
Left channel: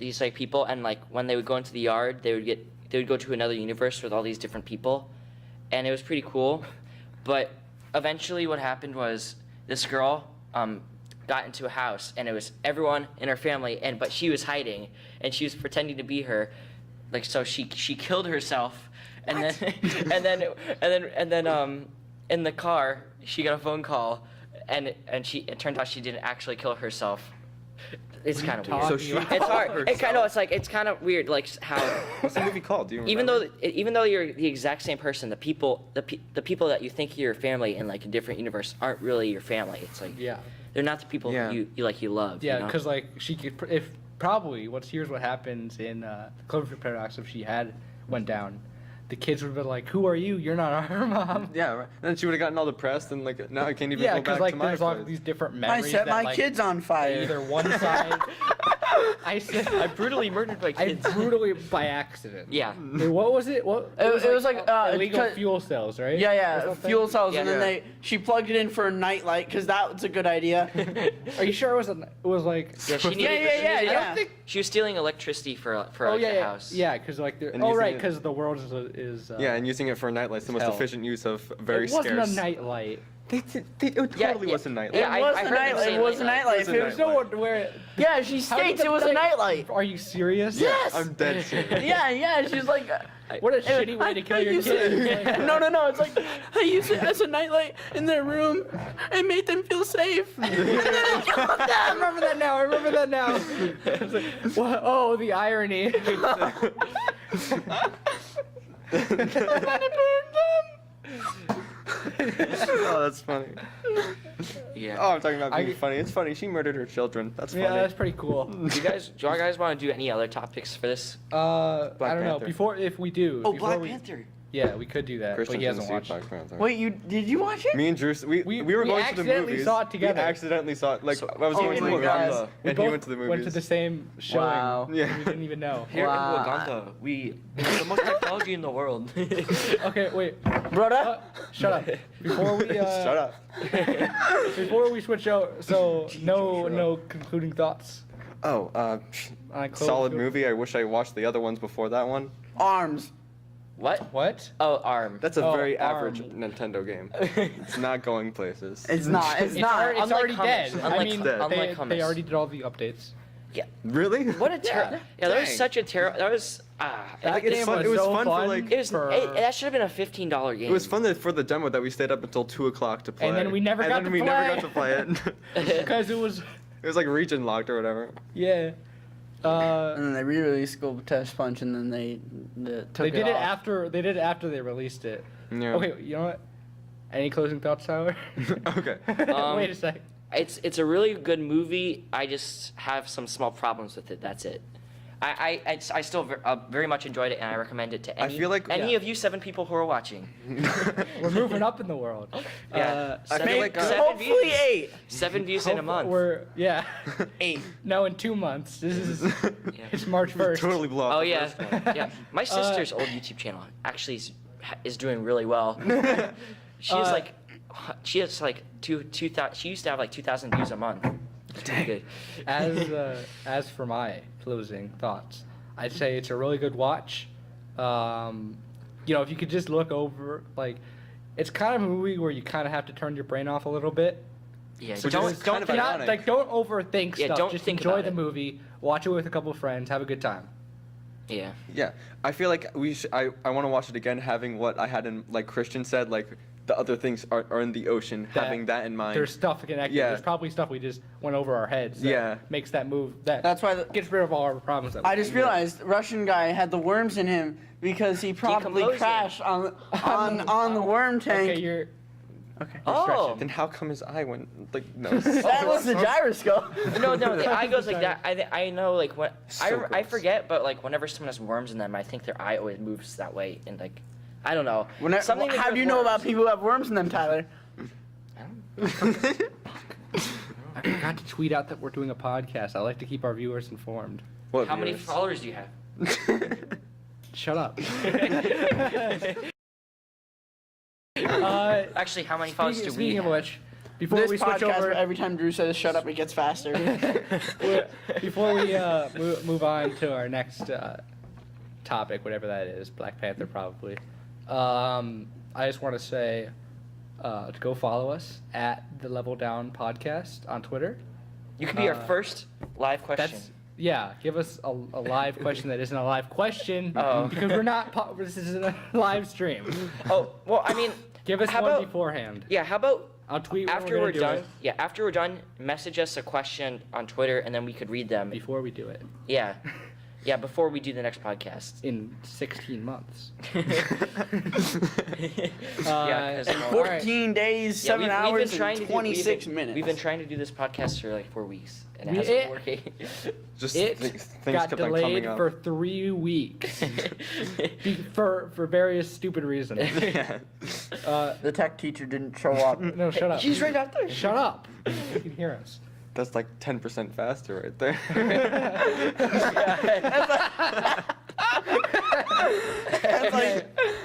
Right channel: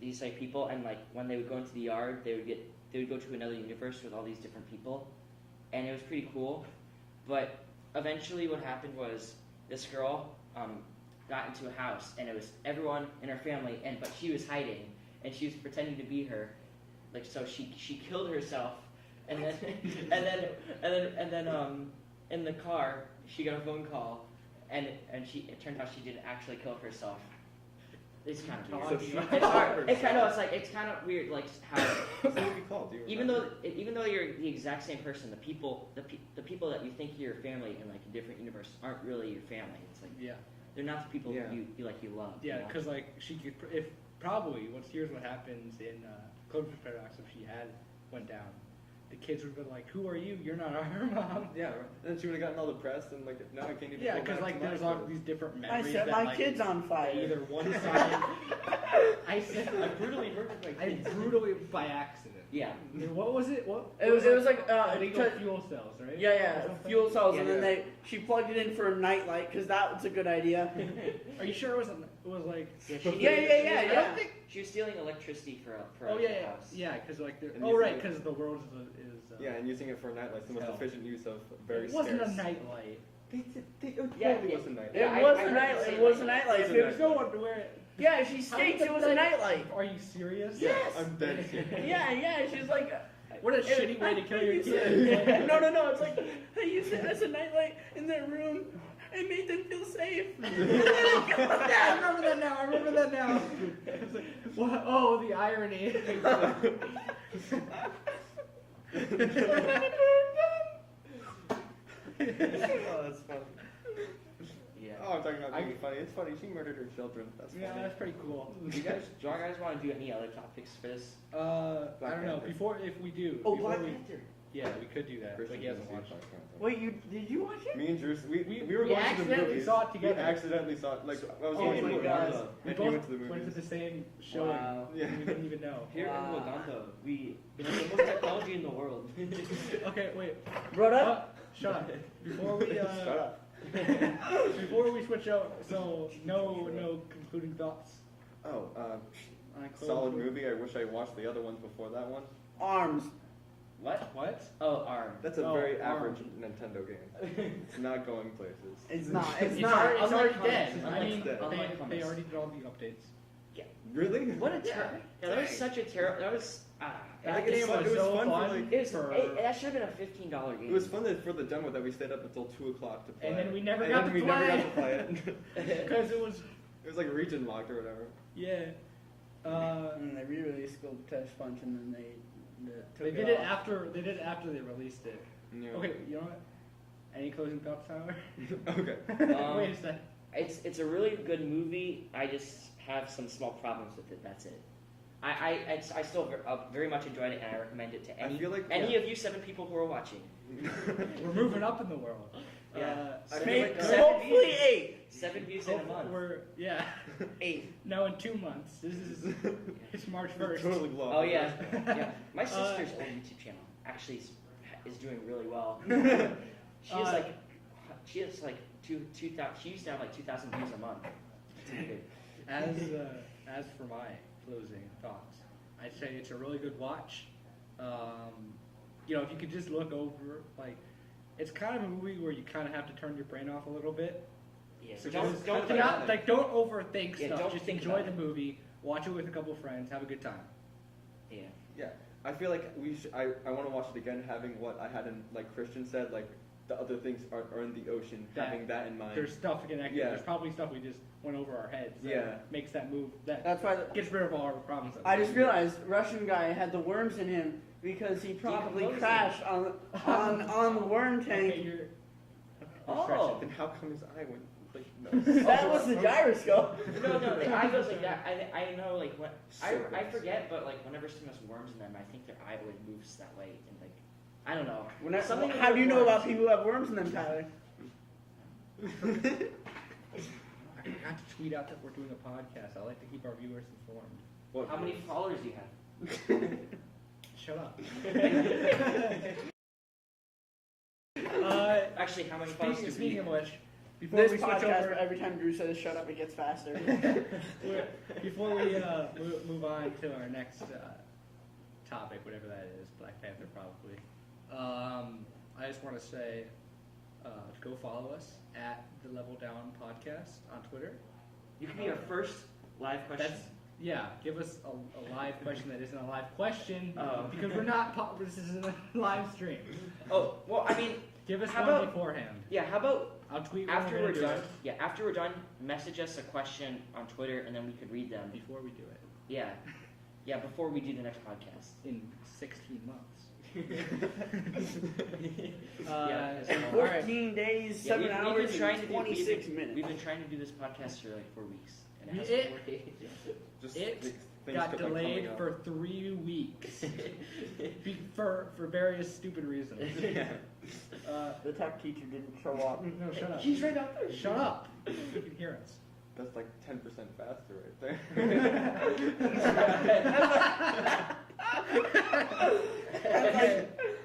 these like people, and like when they would go into the yard, they would go to another universe with all these different people, and it was pretty cool, but eventually what happened was this girl got into a house, and it was everyone in her family, but she was hiding, and she was pretending to be her, like, so she killed herself, and then in the car she got a phone call, and it turned out she didn't actually kill herself. It's kind of weird. So she It's hard. It's kind of weird, like how What's the movie called? Do you even remember? though you're the exact same person, the people that you think are your family in like a different universe aren't really your family. It's like Yeah. they're not the people Yeah. you love. Yeah, you know? because like she could, if probably here's what happens in Cloverfield Paradox if she had went down, the kids would have been like, "Who are you? You're not our mom." Yeah, right. And then she would have gotten all depressed and like, now I can't even Yeah, go because back like to my there's all place. these different I memories. set that, my like, kids on fire. Either one side. I said I brutally murdered my I kids. brutally by accident. Yeah. Wait, what was it? What? It was like, illegal cut- fuel cells, right? Yeah, Or yeah, something? fuel cells, and Yeah. then she plugged it in for a nightlight because that was a good idea. Are you sure it was like? Yeah, she Yeah, needed. yeah, she yeah, needed- yeah. She was stealing electricity for Oh like, yeah, the yeah, house. yeah, because like And oh using right, it- because the world is Yeah, and using it for a nightlight is the most hell. efficient use of very it wasn't scarce. a nightlight. It totally Yeah, was a nightlight. Yeah, It was I a heard them nightlight. say It was a nightlight. nightlight. It's a There's no nightlight. one where. Yeah, she states it was a nightlight. Are you serious? Yes. I'm dead serious. Yeah, she's like. What a shitty way to kill your use it- kid. No, it's like I use it as a nightlight in their room and made them feel safe. I remember that now. I remember that now. It's like, what? Oh, the irony. Oh, that's funny. Yeah. Oh, I'm talking about being I- funny. It's funny. She murdered her children. That's funny. Yeah, that's pretty cool. Do you guys want to do any other topics for this? I Black don't know. Panther. Before, if we do. Oh, before Black we- Panther. Yeah, we could do that, Christian but he hasn't didn't see watched. Black Panther. Wait, did you watch it? Me and Drew, we were we going to the accidentally movies. saw it together. We accidentally saw it. Like, So- I was oh going to my the God. Uganda, We and both he went to the movies. went to the same showing. Wow. Yeah. We didn't even know. Here Wow. in Uganda, we have the most technology in the world. Okay, wait. Brother? Shut up. Before we Shut up. before we switch out, so no concluding thoughts Oh, on solid Cloverfield? movie. I wish I watched the other ones before that one. Arms. What? What? Oh, ARM. That's a Oh, very average Arm. Nintendo game. It's not going places. It's not. It's It's not. already, it's Unlike already hummus. dead. I Unlike- mean, unlike they hummus. already did all the updates. Really? What a terrible. Yeah, that was Dang. such a terrible. That was. That Like, it's game fun- was it was so fun for, fun. like- It was. for- That should have been a $15 game. It was fun for the demo that we stayed up until 2 o'clock to play. And then we never got to we never play. got to play it. because it was It was like region locked or whatever. yeah. And then they re-released School Test Punch, and then they took They did it off. after they released it. Yeah. Okay, you know what? Any closing thoughts, Tyler? Okay. Wait a second. It's a really good movie. I just have some small problems with it. That's it. I still very much enjoyed it, and I recommend it to I feel like- any of you 7 people who are watching. We're moving up in the world. Yeah. I Seven- feel like, seven Hopefully views. 8. 7 views in a month. We're 8. no, in 2 months. This is Yeah. it's March 1st. Totally blow up. Oh the yeah, first one. yeah. My sister's old YouTube channel actually is doing really well. She has like 2,000. She used to have like 2,000 views a month. It's pretty good. As for my closing thoughts, I'd say it's a really good watch. If you could just look over, like, it's kind of a movie where you kind of have to turn your brain off a little bit. Yeah. Which Don't is kind of think ironic. Don't overthink Yeah, stuff. don't just think enjoy about the it. movie, watch it with a couple of friends, have a good time. Yeah. Yeah, I feel like I want to watch it again, having what I had in, like Christian said, like the other things are in the ocean, having that in mind. There's stuff connected. Yeah. There's probably stuff we just went over our heads. That Yeah. makes that move. That's why gets rid of all our problems. That we I have. just realized Russian guy had the worms in him because he probably Decomposing. crashed on the worm tank. Okay, you're. Okay. Oh. Then how come his eye went like no? That was the gyroscope. No, the eye goes like that. I know, like, when So I gross. forget, but like whenever someone has worms in them, I think their eye always moves that way, and like, I don't know. Something to How with do you know about worms. people who have worms in them, Tyler? I forgot to tweet out that we're doing a podcast. I like to keep our viewers informed. What How many viewers? followers do you have? Shut up. Actually, how many followers do we Speaking of have? which, before This we switch podcast, over, every time Drew says "shut up," it gets faster. before we move on to our next topic, whatever that is, Black Panther probably. I just want to say to go follow us at the Level Down Podcast on Twitter. You could be our Uh, first live question. Yeah, give us a live question that isn't a live question Oh. because we're not. This isn't a live stream. Oh, well, I mean, Give us How one about- beforehand. yeah. How about I'll tweet when after we're we're gonna do done? it. Yeah, after we're done, message us a question on Twitter, and then we could read them. Before we do it Yeah, yeah. Before we do the next podcast. in 16 months. Yeah, 'cause, In you know, 14 days, yeah, 7 we've hours, been trying and to 26 do, minutes. We've been trying to do this podcast for like 4 weeks, and it We- hasn't working. Just It things got kept on delayed coming up. for 3 weeks for various stupid reasons. Yeah. The tech teacher didn't show up. No, shut up. He's right out there. Shut up. You can hear us. That's like 10% faster right there.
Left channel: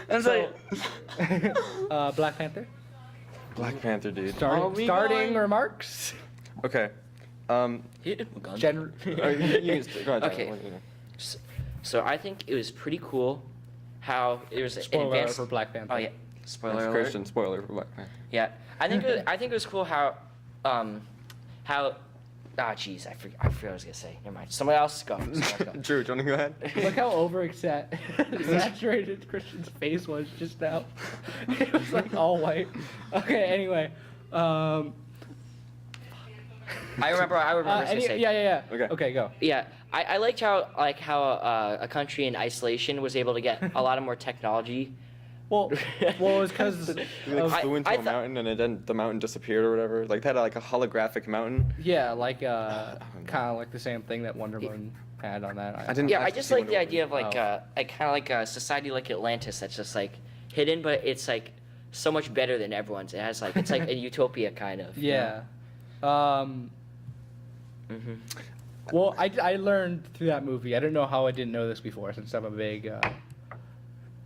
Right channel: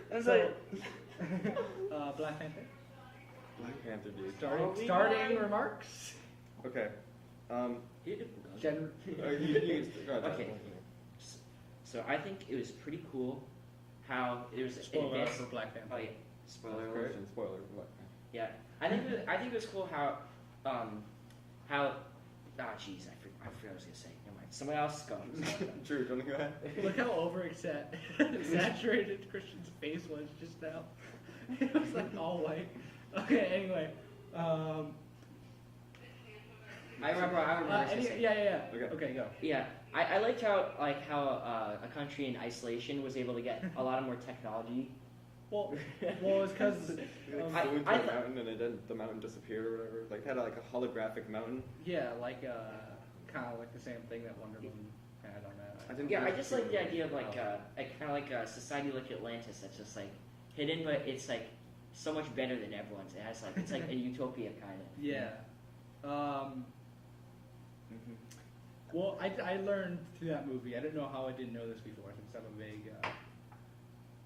That's So- like, Black Panther. Black Panther, dude. we Starting going? remarks. Okay. Gen- Go ahead, Okay. So I think it was pretty cool how it was Spoiler alert advanced. for Black Panther. Oh yeah, spoiler That's alert. Christian spoiler for Black Panther. Yeah, I think it was cool how jeez, I forgot what I was gonna say. Never mind. Someone else go. Drew, do you want to go ahead? Look how saturated Christian's face was just now. It was like all white. Okay, anyway. I remember what I was gonna say. Yeah. Okay. Okay, go. Yeah, I liked how a country in isolation was able to get a lot of more technology. Well, it's because You like flew into I a mountain and then the mountain disappeared or whatever. Like they had like a holographic mountain. kind of like the same thing that Wonder Woman had on that. I didn't. Yeah, I actually just see like the Wonder idea of like Oh. kind of like a society like Atlantis that's just like hidden, but it's like so much better than everyone's. It has like it's like a utopia kind of. Yeah. Mm-hmm. Well, I learned through that movie. I don't know how I didn't know this before, since I'm a big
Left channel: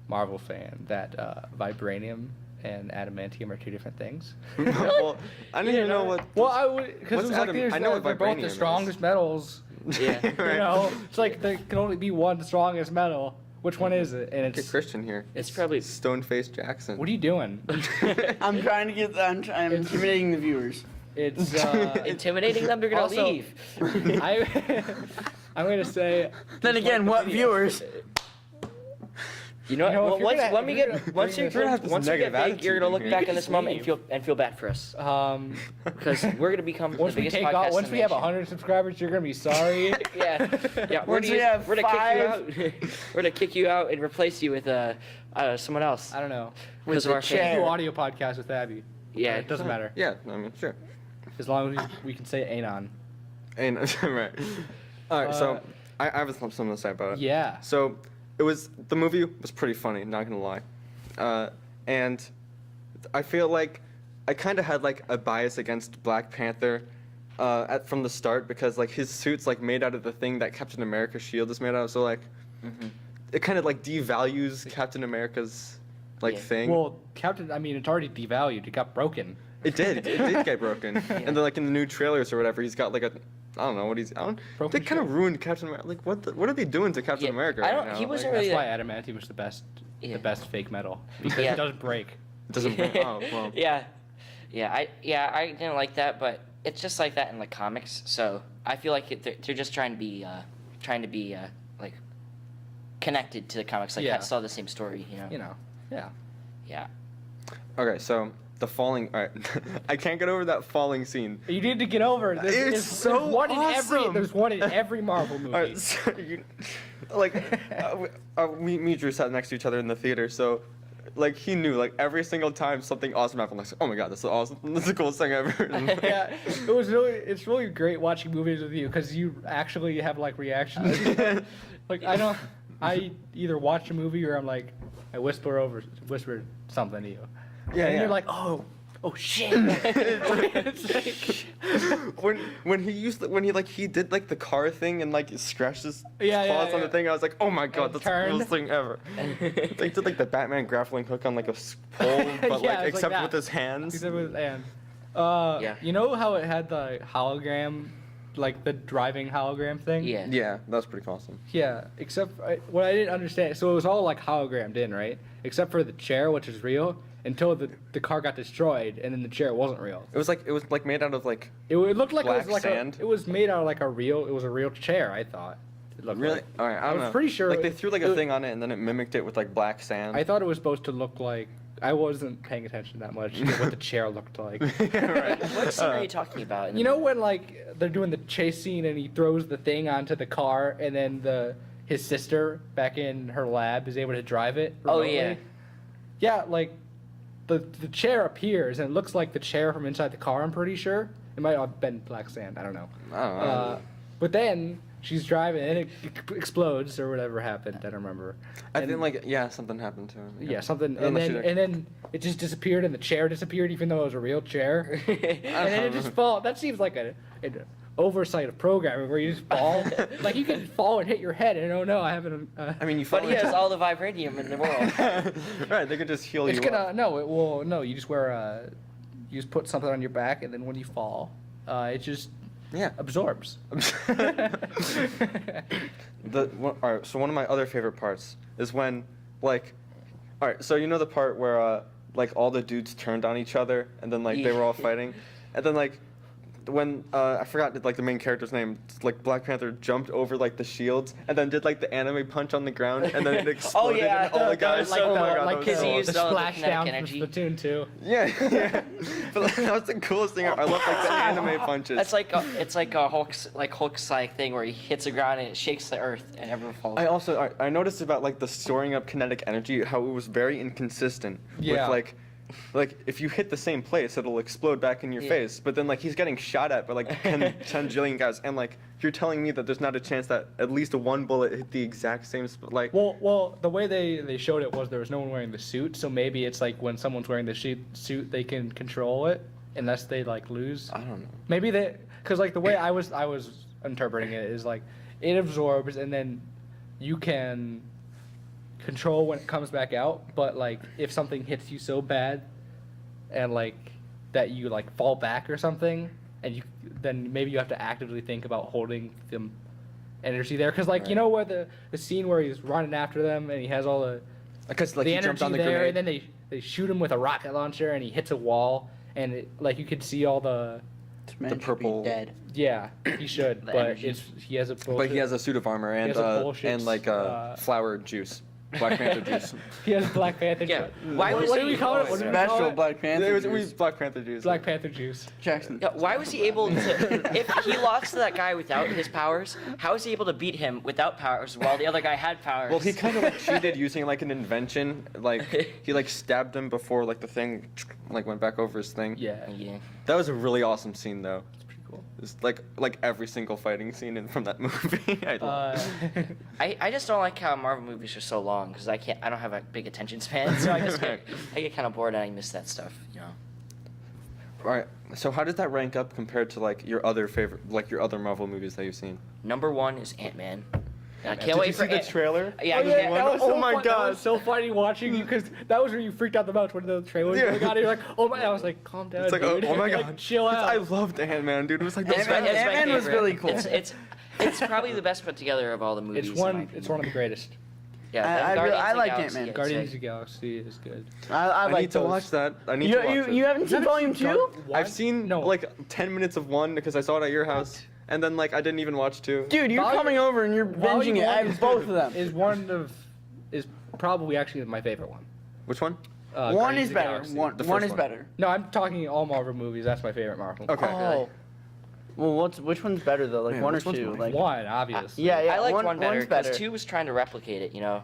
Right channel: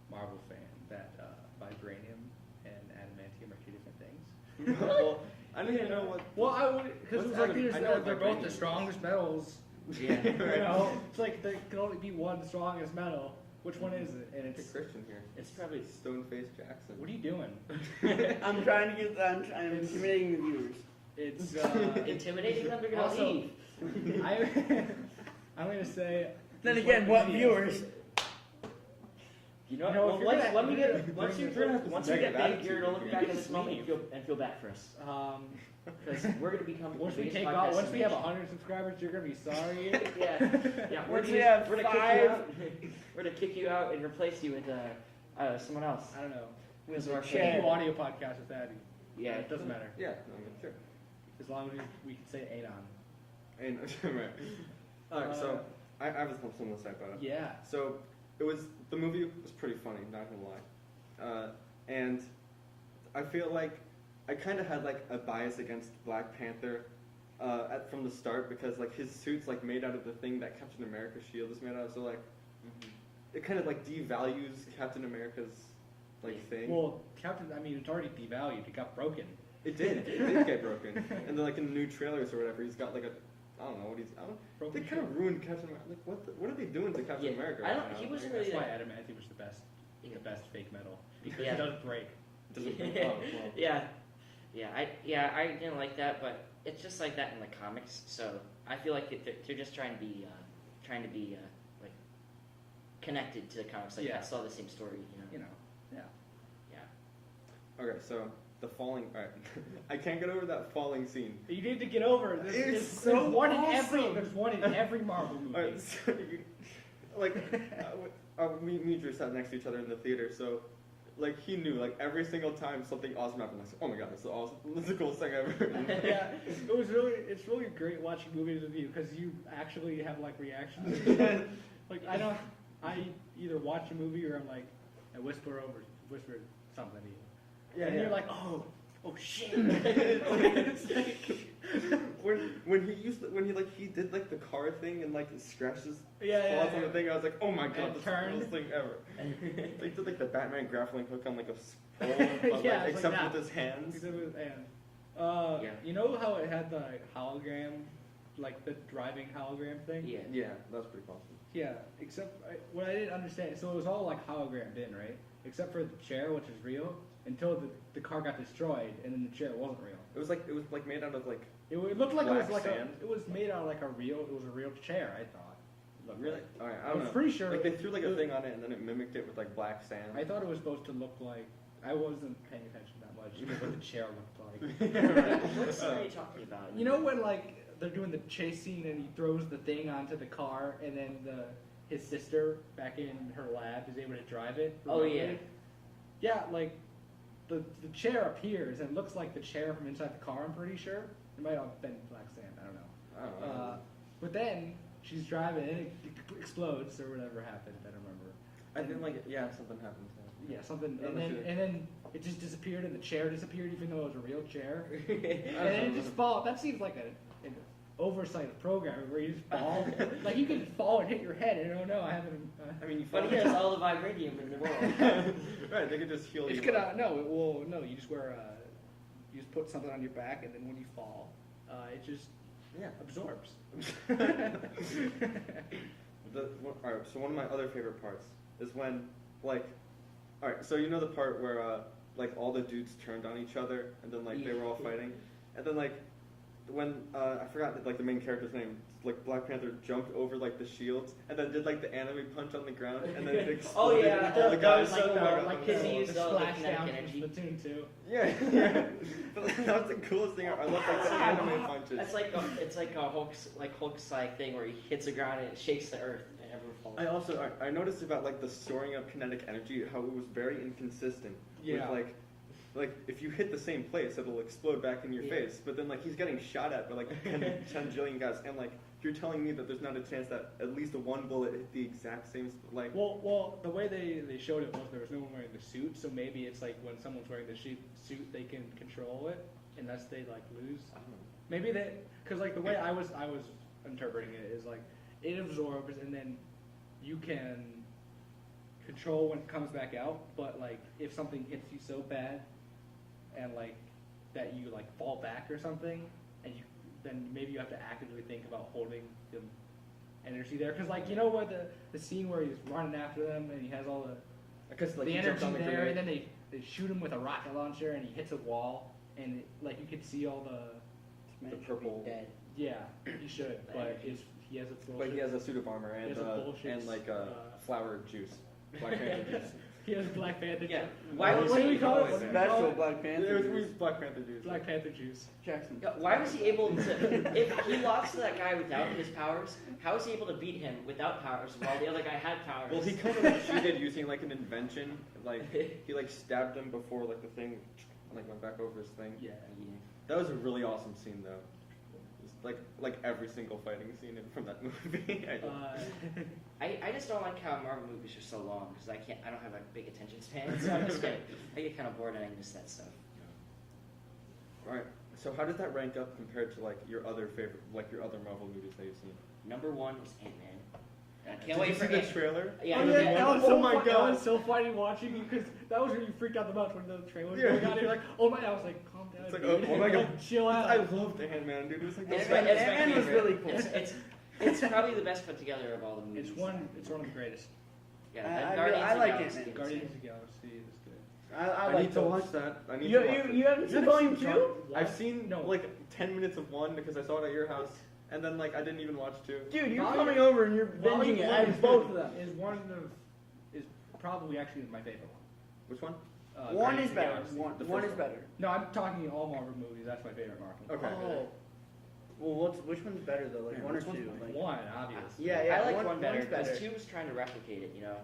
Marvel fan, that vibranium and adamantium are two different things. well, I didn't even know what. Well, I would because What's it was like I know what they're both vibranium the is. strongest metals. Yeah. You know, it's like there can only be one strongest metal. Which one is it? And Look at it's Christian here. It's probably Stone-faced Jackson. what are you doing? I'm trying to get. I'm intimidating the viewers. It's intimidating them. They're gonna also, leave. I'm gonna say. Then again, what viewers? You know, You know, if well, you're once gonna- when we if you're get gonna once bring you this up, this once we get negative big, you're gonna look attitude back here. in this moment and feel bad for us Because because we're gonna become once the we biggest take podcast off, once in we the have nation. 100 subscribers, you're gonna be sorry. Yeah, we're Once gonna, we have we're gonna kick you 5 out. We're gonna kick you out and replace you with someone else. I don't know. Because of the our chair. We fame. do audio podcast with Abby. Yeah. It doesn't matter Yeah, I mean, sure. as long as we can say anon. And right. All right, so I have something to say about it. Yeah. So the movie was pretty funny, not gonna lie, and I feel like I kind of had like a bias against Black Panther from the start because like his suit's like made out of the thing that Captain America's shield is made out of, so like it kind of like devalues Captain America's like Yeah. thing. Well, I mean, it's already devalued. It got broken. It did get broken, and then like in the new trailers or whatever, he's got like I don't know what he's. Broken They kind of shield. ruined Captain America. Like what are they doing to Captain Yeah, America? I right don't- now? he wasn't Like, really That's that- why adamantium was the best Yeah. fake metal because Yeah. it doesn't break. it doesn't. Oh well. Yeah, I didn't like that, but it's just like that in the comics. So I feel like they're just trying to be like connected to the comics. Like Yeah. that's all the same story, you know. You know. Yeah. Yeah. Okay, so the falling. All right, I can't get over that falling scene. You need to get over it. It's so awesome. There's one in every Marvel movie. All right, so me and Drew sat next to each other in the theater, so like he knew like every single time something awesome happened, like oh my god, that's so awesome, that's the coolest thing ever. Yeah, it's really great watching movies with you because you actually have like reactions. Like I either watch a movie or I'm like, I whisper something to you. Yeah, and yeah. you're like, oh shit. It's like- when he did like the car thing and like scratched his Yeah, yeah, claws on the yeah. thing, I was like, oh my god, it that's the turned. coolest thing ever. They did like the Batman grappling hook on like a pole, but Yeah, like it's except that. with his hands. Except with and Yeah. you know how it had the hologram, like the driving hologram thing? Yeah. Yeah, that's pretty awesome. Yeah, except what I didn't understand. So it was all like hologrammed in, right? Except for the chair, which is real, until the car got destroyed, and then the chair wasn't real. It was like made out of like It looked like Black it was like sand? it was made out of like a real chair. I thought. It looked really. like. All right, I I don't was know. pretty sure Like they threw like a it- thing on it and then it mimicked it with like black sand. I thought it was supposed to look like. I wasn't paying attention that much to what the chair looked like. Right. What scene are you talking about? in the You know movie? when like they're doing the chase scene and he throws the thing onto the car and then his sister back in her lab is able to drive it. Oh, remotely? yeah. Yeah, like the chair appears and it looks like the chair from inside the car. I'm pretty sure it might have been black sand. I don't know. I don't know. But then she's driving and it explodes or whatever happened. I don't remember. I And- think something happened to him. Yeah, something, Unless and you- then it just disappeared, and the chair disappeared, even though it was a real chair. And then it just fall. That seems like an oversight of programming where you just fall. Like you can fall and hit your head, and oh no, I haven't. I mean, you. But he fall has into- all the vibranium in the world. Right, they could just heal It's you. gonna up. no, it will no. You just wear you just put something on your back, and then when you fall, it just Yeah. absorbs. All right, so one of my other favorite parts is when, like, all right, so you know the part where, like, all the dudes turned on each other and then, like, they were all fighting? And then, like, when, I forgot, like, the main character's name, like, Black Panther jumped over, like, the shields and then did, like, the anime punch on the ground and then it exploded yeah, and all the that guys, was so oh my cool. god, like that was Because he so used the all the splash kinetic down energy. from Splatoon 2. yeah. But like, that's the coolest thing. I love like the anime punches. That's like it's like a Hulk's like thing where he hits the ground and it shakes the earth and everyone falls. I also I noticed about like the storing up kinetic energy how it was very inconsistent. Yeah. With like if you hit the same place it'll explode back in your Yeah. face. But then like he's getting shot at by like 10 jillion guys and like you're telling me that there's not a chance that at least one bullet hit the exact same spot. Like Well, the way they showed it was there was no one wearing the suit, so maybe it's like when someone's wearing the suit, they can control it unless they like lose. I don't know. Maybe because like the way I was interpreting it is like it absorbs and then you can control when it comes back out, but like if something hits you so bad and like that you like fall back or something, and then maybe you have to actively think about holding them energy there because like you know where the scene where he's running after them and he has all Because like the he jumped energy on the there grenade. and then they shoot him with a rocket launcher and he hits a wall and like you could see all the This man The should be purple- dead. yeah he should The but energy. he has a bullshit, But he has a suit of armor and has a bullshit, and like flower juice. Black Panther juice. he has Black Panther Yeah. juice. Why what, was what do he- we call it? What do we Smash call Roll it? Black Panther. It was Black Panther juice. Black Panther juice. Jackson. Yeah, why was he able to? If he lost to that guy without his powers, how was he able to beat him without powers while the other guy had powers? Well, he kind of like cheated using like an invention. Like he like stabbed him before like the thing like went back over his thing. Yeah, Yeah. That was a really awesome scene though. it's pretty cool. It's like every single fighting scene from that movie. I love. I just don't like how Marvel movies are so long because I don't have a big attention span, so I get kind of bored and I miss that stuff, you know. All right. So how does that rank up compared to like your other favorite, like your other Marvel movies that you've seen? Number 1 is Ant-Man. And I can't Did wait you for see the trailer? Yeah, I Yeah, can't- that was Oh so my fun- God. That was so funny watching you because that was where you freaked out the most when the trailer was Yeah. going on. You're like, oh my! I was like, calm down. It's like, dude. oh my Like, god, chill out. I loved Ant-Man, dude. It was like the Ant-Man- best. Ant-Man was favorite. really cool. It's probably the best put together of all the movies. It's in my one. It's opinion. one of the greatest. Yeah, I Guardians I of the like Galaxy, Ant-Man. yeah, Guardians it's of the Galaxy is good. I I like need to those. watch that. I need You, to watch you, it. you haven't seen Volume 2? I've seen No. like 10 minutes of one because I saw it at your house, and then like I didn't even watch 2. Dude, you're Volume- coming over and you're Volume binging it. one I have is both good. of them. Is probably actually my favorite one. Which one? One Guardians is of the better. Galaxy. One The one first is one. better. No, I'm talking all Marvel movies. That's my favorite Marvel. Okay. Oh. Well, which one's better though? Like Man, one or which one's two? my Like One, obviously. yeah, yeah. I liked one one's better better. because 2 was trying to replicate it, you know.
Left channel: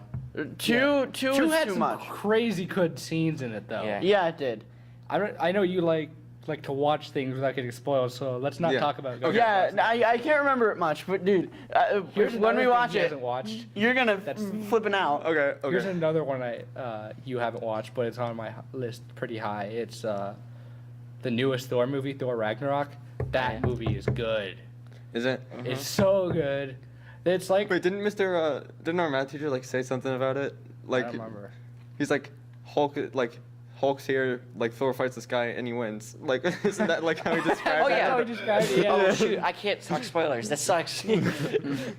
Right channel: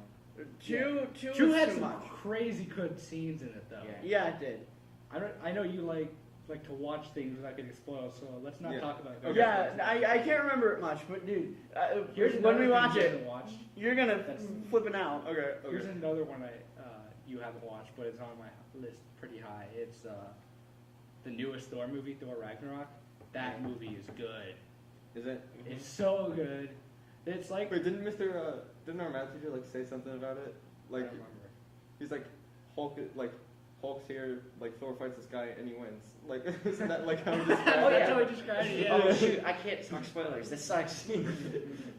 Two Two is had too some much. crazy good scenes in it though. Yeah. Yeah, it did. I know you like to watch things without getting spoiled, so let's not Yeah. talk about it. Okay. Yeah, I can't remember it much, but dude, Here's when another we thing watch you it, haven't watched. you're gonna That's- flipping out. Okay. Here's Okay. another one you haven't watched, but it's on my list pretty high. It's the newest Thor movie, Thor Ragnarok. That Yeah. movie is good. Is it? It's so good. It's like Wait, didn't our math teacher like say something about it? Like I don't remember. he's like Hulk's here, like Thor fights this guy and he wins. Like isn't that like how he described Oh, it? yeah. That's how I described it, yeah. Oh shoot, I can't talk spoilers. That sucks.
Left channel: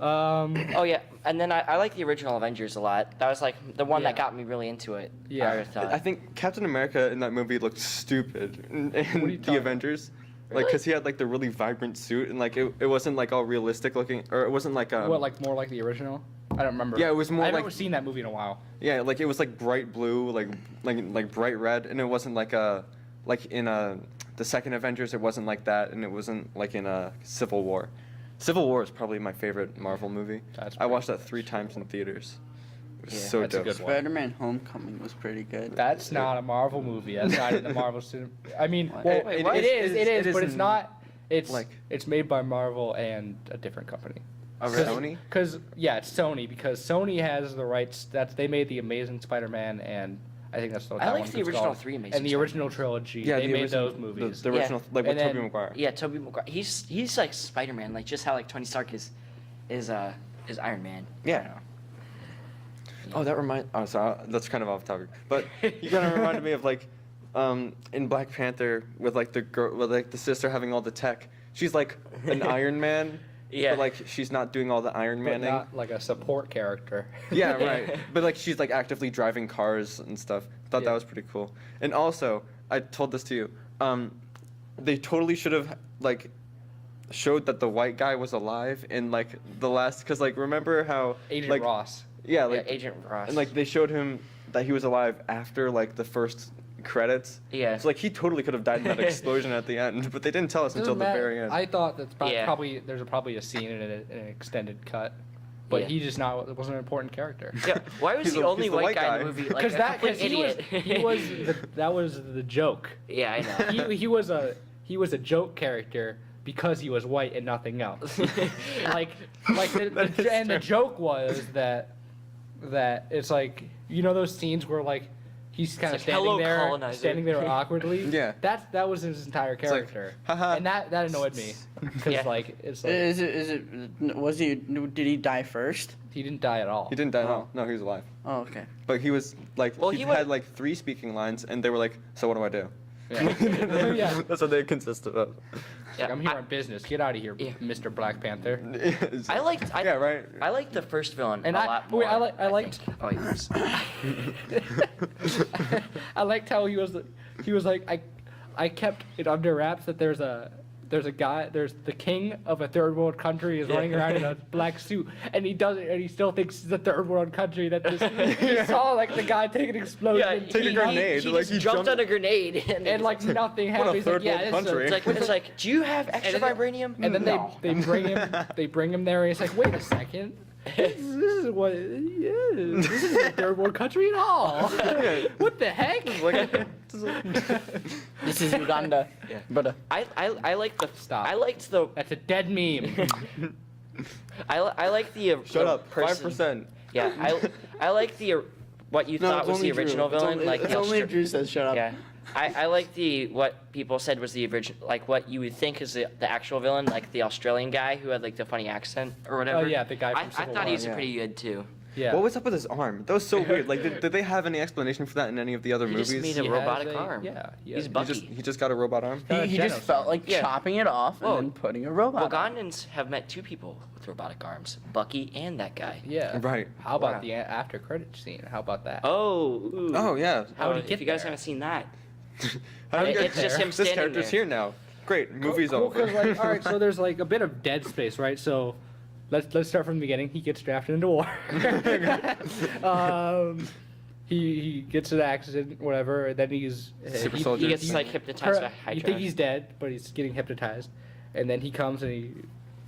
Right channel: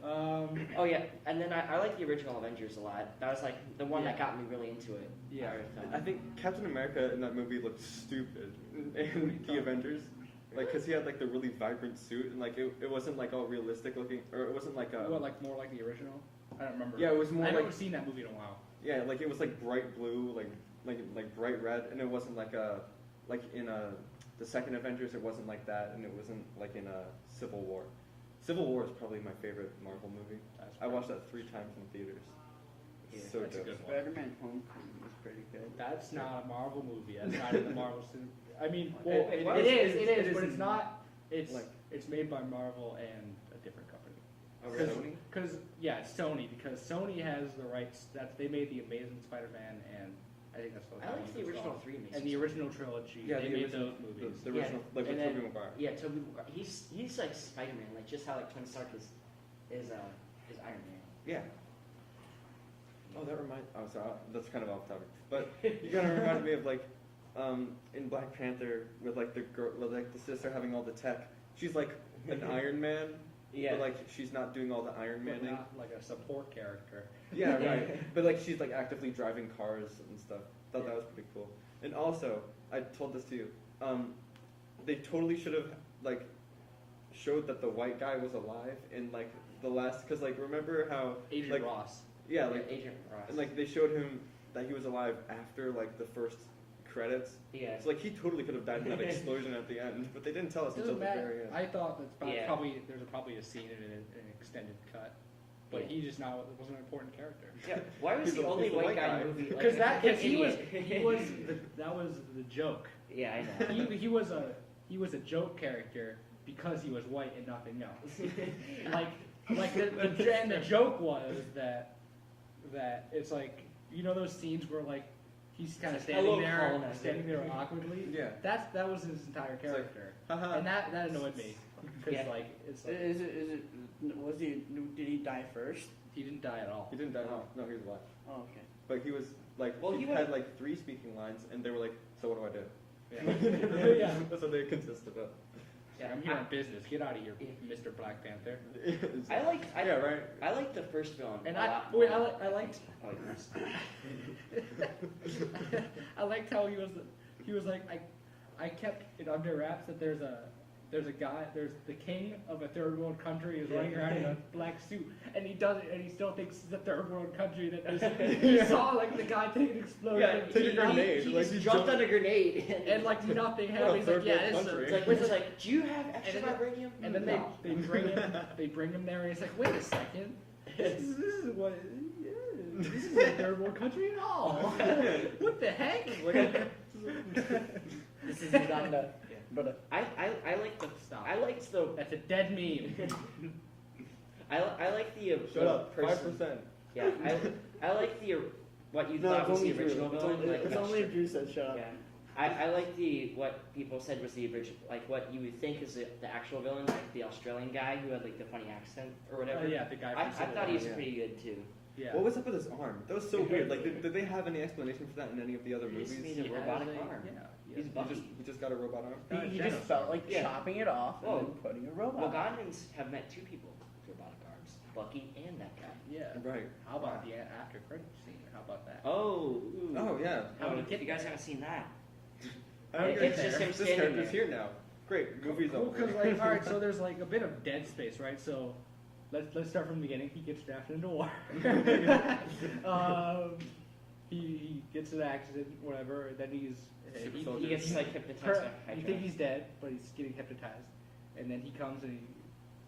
Oh yeah, and then I like the original Avengers a lot. That was like the one that Yeah. got me really into it. Yeah. I thought. I think Captain America in that movie looked stupid in are you the talking- Avengers. Like, Really? cause he had like the really vibrant suit and like it wasn't like all realistic looking, or it wasn't like What, like more like the original? I don't remember. Yeah, it was more I like- haven't seen that movie in a while. yeah, like it was like bright blue, like bright red, and it wasn't like the second Avengers. It wasn't like that, and it wasn't like in a Civil War. Civil War is probably my favorite Marvel movie. That's I watched that 3 times in theaters. It was Yeah, so that's a dope. good one. Spider-Man: Homecoming was pretty good. That's not a Marvel movie. That's not in the Marvel cinema. I mean, What? well, Wait, it what? is, but in- it's not. It's like- it's made by Marvel and a different company. Oh, really? Sony? Because it's Sony. Because Sony has the rights. They made the Amazing Spider-Man, and I think that's what I that liked one's the original called. 3 Amazing And the Spider-Man. original trilogy. Yeah, they the made original, those movies. The Yeah. original, like with And Tobey then- Maguire. Yeah, Tobey Maguire. He's like Spider-Man, like just how like Tony Stark is Iron Man. Yeah. I don't know. Oh, that reminds. Oh, sorry, that's kind of off topic. But you kind of reminded me of like, in Black Panther with like the girl, with like the sister having all the tech. She's like an Iron Man. Yeah. But like she's not doing all the Iron But Manning. not like a support character. Yeah, right. But like she's like actively driving cars and stuff. Thought Yeah. that was pretty cool. And also, I told this to you. They totally should have like showed that the white guy was alive in like the last, because like remember how Agent like Ross. yeah like Agent Ross. and like they showed him that he was alive after like the first credits. yeah. So like he totally could have died in that explosion at the end, but they didn't tell us until Doesn't the matter. very end. I thought that's Yeah. probably there's probably a scene in an extended cut, but Yeah. he just wasn't an important character. Yeah, why was He's the the- only he's the white white guy in guy. the movie like Because a that complete he idiot? was that was the joke. Yeah, I know. He was a joke character because he was white and nothing else. like That is and the true. joke was that it's like those scenes where like he's kind of like, "Hello, standing colonizer." there awkwardly. Yeah. That was his entire It's like, character. haha. And that annoyed me because Yeah. like it's like Is it? Was he? Did he die first? he didn't die at all. He didn't die. Oh. No, he was alive. Oh, okay. But he was like Well, he, he had was- like 3 speaking lines, and they were like, "So what do I do?" Yeah. Yeah. That's what they consisted of. Yeah, I'm here on business. Get out of here, Yeah. Mr. Black Panther. I yeah, right. I liked the first villain And a I- lot wait, more. I liked- think. Oh, yes. I liked how he was like I kept it under wraps that there's a guy, there's the king of a third world country is Yeah. running around in a black suit, and he still thinks it's a third world country. That he saw like the guy take an explosion, Yeah, Take a grenade, He like, just he jumped jumped- on a grenade and like nothing What a happened. He's like, third yeah, world this is a- country. it's like, do you have extra And then- vibranium? And then No. they bring him there, and he's like, wait a second. This is what it is. This isn't a third world country at all. What the heck? This is Uganda. Yeah. But I like the Stop. I liked the That's a dead meme. I like the Shut the up. person- 5%. Yeah, I like the what you thought was the original villain, like it's the only if Drew says shut up. yeah. I like the what people said was the original, like what you would think is the actual villain, like the Australian guy who had like the funny accent or whatever. Oh yeah, the guy from I Civil thought he War. was yeah. pretty good too. Yeah. What was up with his arm? That was so weird. Like, did they have any explanation for that in any of the other He movies? just made He a has robotic a- arm. Yeah. He's he Bucky. just got a robot arm. He just Genos felt like Yeah. chopping it off Whoa. and then putting a robot. on. Wagandans have met two people with robotic arms, Bucky and that guy. Yeah. Right. How about Wow. the after credit scene? How about that? Oh. Ooh. Oh yeah. How did he if get you guys there? haven't seen that, How did It's you get just there? him This standing character's there. here now. Great. Movie's cool, over. 'cause, like, all right, so there's like a bit of dead space, right? So let's start from the beginning. He gets drafted into war. He gets in an accident, whatever. And then he's Super he- soldier. he gets like hypnotized by You Hydra. think he's dead, but he's getting hypnotized, and then he comes and he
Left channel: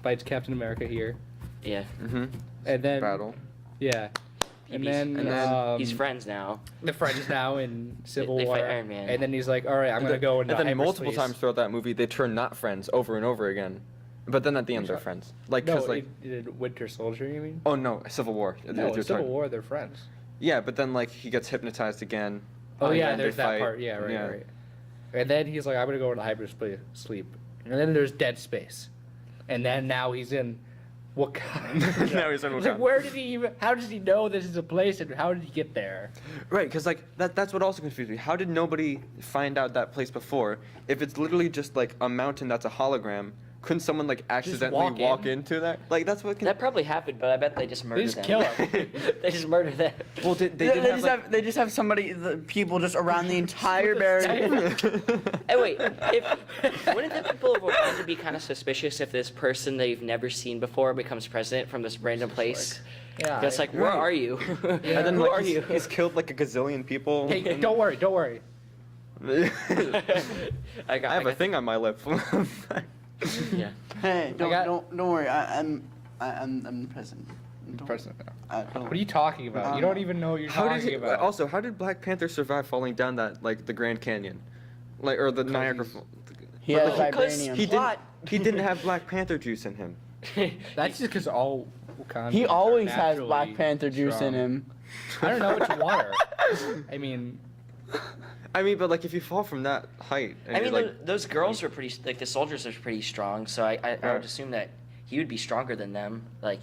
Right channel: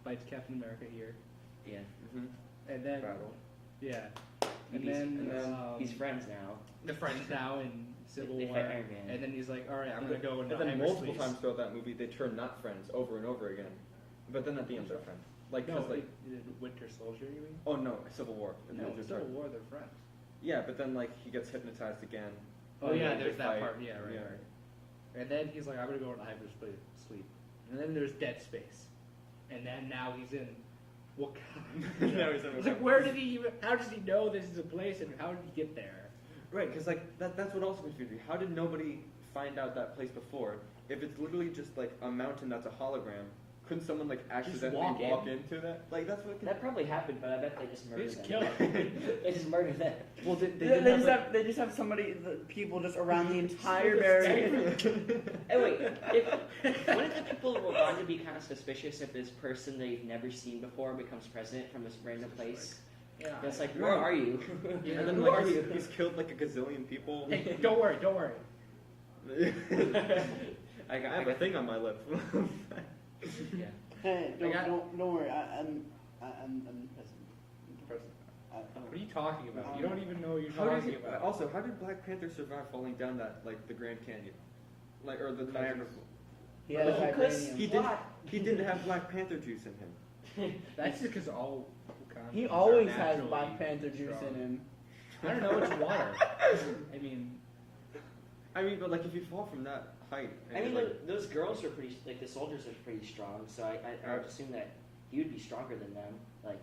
fights Captain America here, Yeah. Mm-hmm. and then Battle. yeah, and then he's friends now. the friends now in Civil They War, fight Iron Man. and then he's like, all right, I'm gonna go into And then multiple hyperspace. times throughout that movie, they turn not friends over and over again. But then at the end, they're friends. Like, No, cause like, in Winter Soldier, you mean? oh no, Civil War. No, You're in Civil talking- War, they're friends. Yeah, but then like he gets hypnotized again. Oh and yeah, then they there's that fight. part. Yeah, right, Yeah. right. And then he's like, I'm gonna go into hyperspace sleep. And then there's dead space. And then now he's in Wakanda. Now he's in Like, Wakanda. where did he even? How does he know this is a place, and how did he get there? Right, because like that's what also confused me. How did nobody find out that place before? If it's literally just like a mountain that's a hologram, couldn't someone like accidentally walk walk in? into that? Like that's what. That probably happened, but I bet they just murdered just them. kill him. They just murdered them. Well, they They, didn't they have just like. have, they just have somebody, the people just around the entire barrier. Hey, wait. Wouldn't the people of Wakanda be kind of suspicious if this person they've never seen before becomes president from this random place? Yeah. It's like, where Right. are you? Yeah. And then Who like are he's, you? he's killed like a gazillion people. Hey, don't worry, don't worry. I got. I have a thing on my lip. Yeah. Hey, got- don't worry. I'm the president. Don't- President now. don't What are you talking about? You don't even know what you're How did talking he, about. also, how did Black Panther survive falling down that like the Grand Canyon, like or the Niagara? He has Because vibranium. He Plot. didn't have Black Panther juice in him. That's just because all Wakandans He are always has naturally Black Panther juice strong. in him. I don't know, it's water. I mean, I mean, but like if you fall from that height, and I mean, you're, like, those girls are pretty, like the soldiers are pretty strong, so I would Right. assume that he would be stronger than them. Like,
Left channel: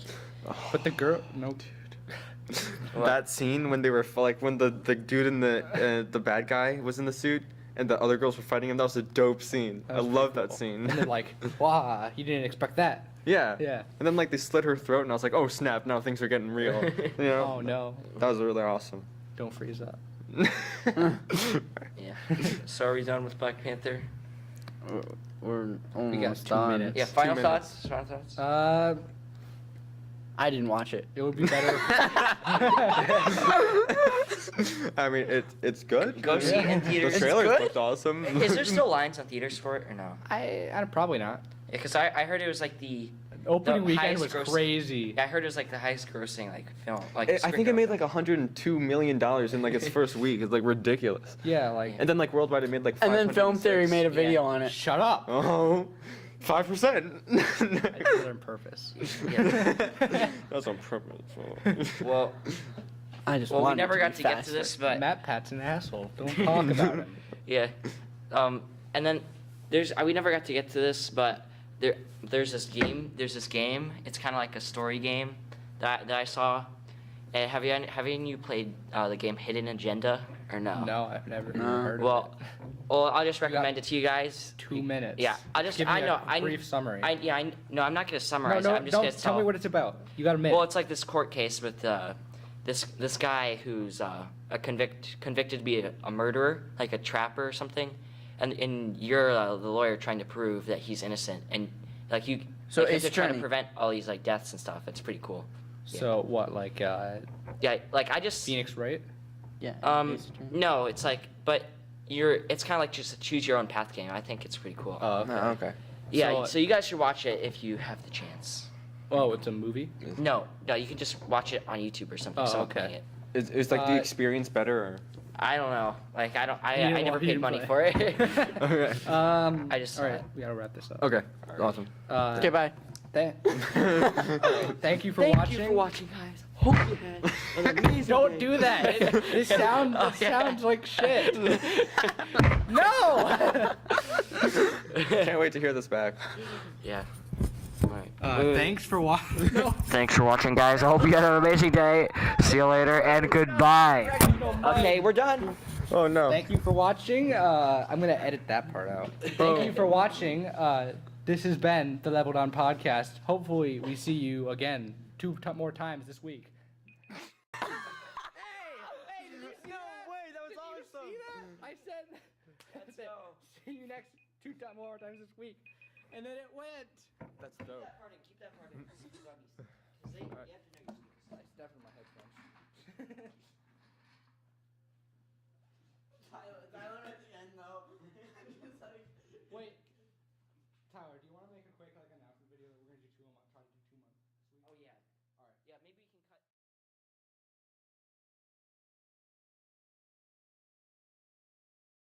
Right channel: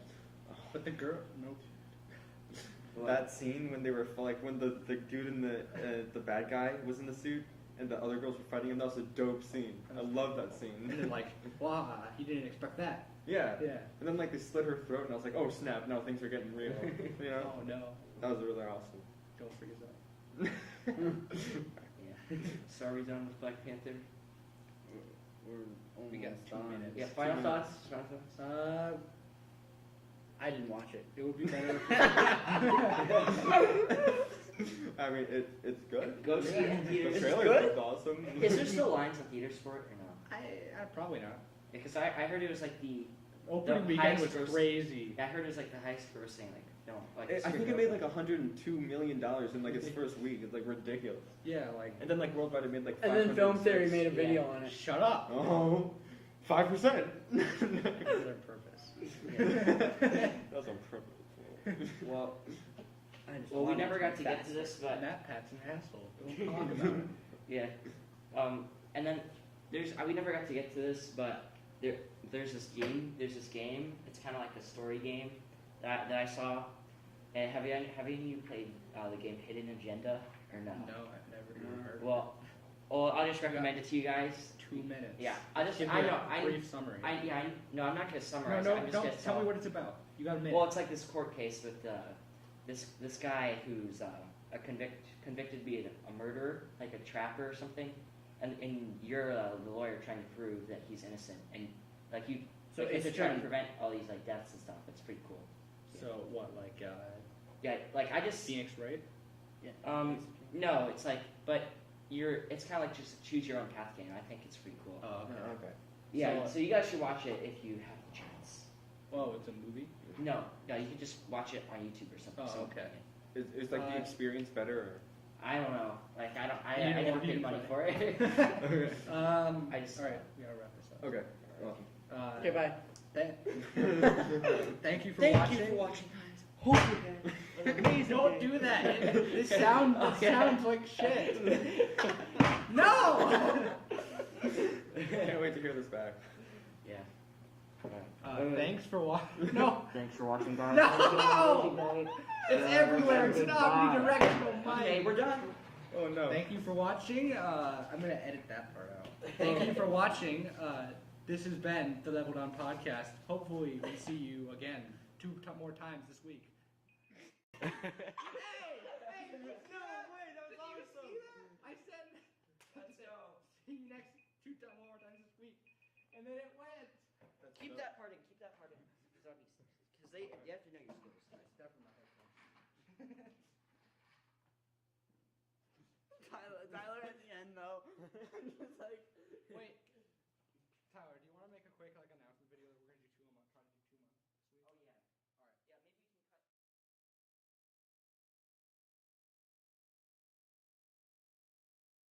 but the girl, no. what? that scene when they were like when the dude and the bad guy was in the suit and the other girls were fighting him. That was a dope scene. That I was love pretty that cool. scene. And then like, wow, you didn't expect that. Yeah. Yeah. And then like they slit her throat, and I was like, oh snap! Now things are getting real. You know. Oh no, That was really awesome. don't freeze up. Yeah. So are we done with Black Panther? We're almost We got 2 done. minutes. Yeah. Final 2 thoughts. Final thoughts. I didn't watch it. It would be better. I mean, it's good. Go see it in theaters. The It's trailer good? looked awesome. Is there still lines on theaters for it or no? I probably not. Yeah, because I heard it was like the Opening weekend highest was gross- crazy. I heard it was like the highest grossing like film. Like I think it superhero. made like $102 million in like its first week. It's like ridiculous. Yeah, like. And then like worldwide it made like. And then Film Theory 506. made a video Yeah. on it. Shut up. Oh, 5%. Those are on purpose. Yeah. That's on purpose. Well, I just well, we wanted never to got be to get to faster. this, but Matt Pat's an asshole. Don't talk about it. yeah. And then we never got to get to this, but there's this game. It's kind of like a story game that I saw. And have any of you played the game Hidden Agenda or no? No, I've never even No. heard of Well, I'll just recommend it to you guys. it. 2 minutes. Yeah, Give me I a brief summary. No, I'm not gonna no, summarize no, it. I'm just don't gonna tell me what it's about. You got a minute. Well, it's like this court case with this guy who's convicted to be a murderer, like a trapper or something, and you're the lawyer trying to prove that he's innocent, and like you. So like, Ace they're trying to Attorney. prevent all these like deaths and stuff. It's pretty cool. So what, like Yeah, like I just. Phoenix Wright? Yeah. Ace Attorney. No, it's like, but it's kind of like just a choose your own path game. I think it's pretty cool. Oh, okay. Oh, okay. Yeah, So- so you guys should watch it if you have the chance. Oh, it's a movie. No, you can just watch it on YouTube or something. Oh, someone okay. playing it. Is like the experience better or? I don't know. Like I You never didn't paid money play. for it. Okay. I just All saw right, it. we gotta wrap this up. Okay. Awesome. Okay, bye. Thank you for Thank watching. you for watching, guys. Hope you had an amazing Don't day. do that. This sounds like shit. No. Can't wait to hear this back. Yeah. Alright. Thanks for watching. No. Thanks for watching, guys. I hope you had an amazing day. See you later and goodbye. Okay, we're done. Oh no. Thank you for watching. I'm gonna edit that part out. Thank you for watching. This has been the Level Down Podcast. Hopefully, we see you again more times this week. Hey, that was awesome. I said, see you next more times this week, and then it went. That's Keep dope. that part in. Keep that part in. Because you have to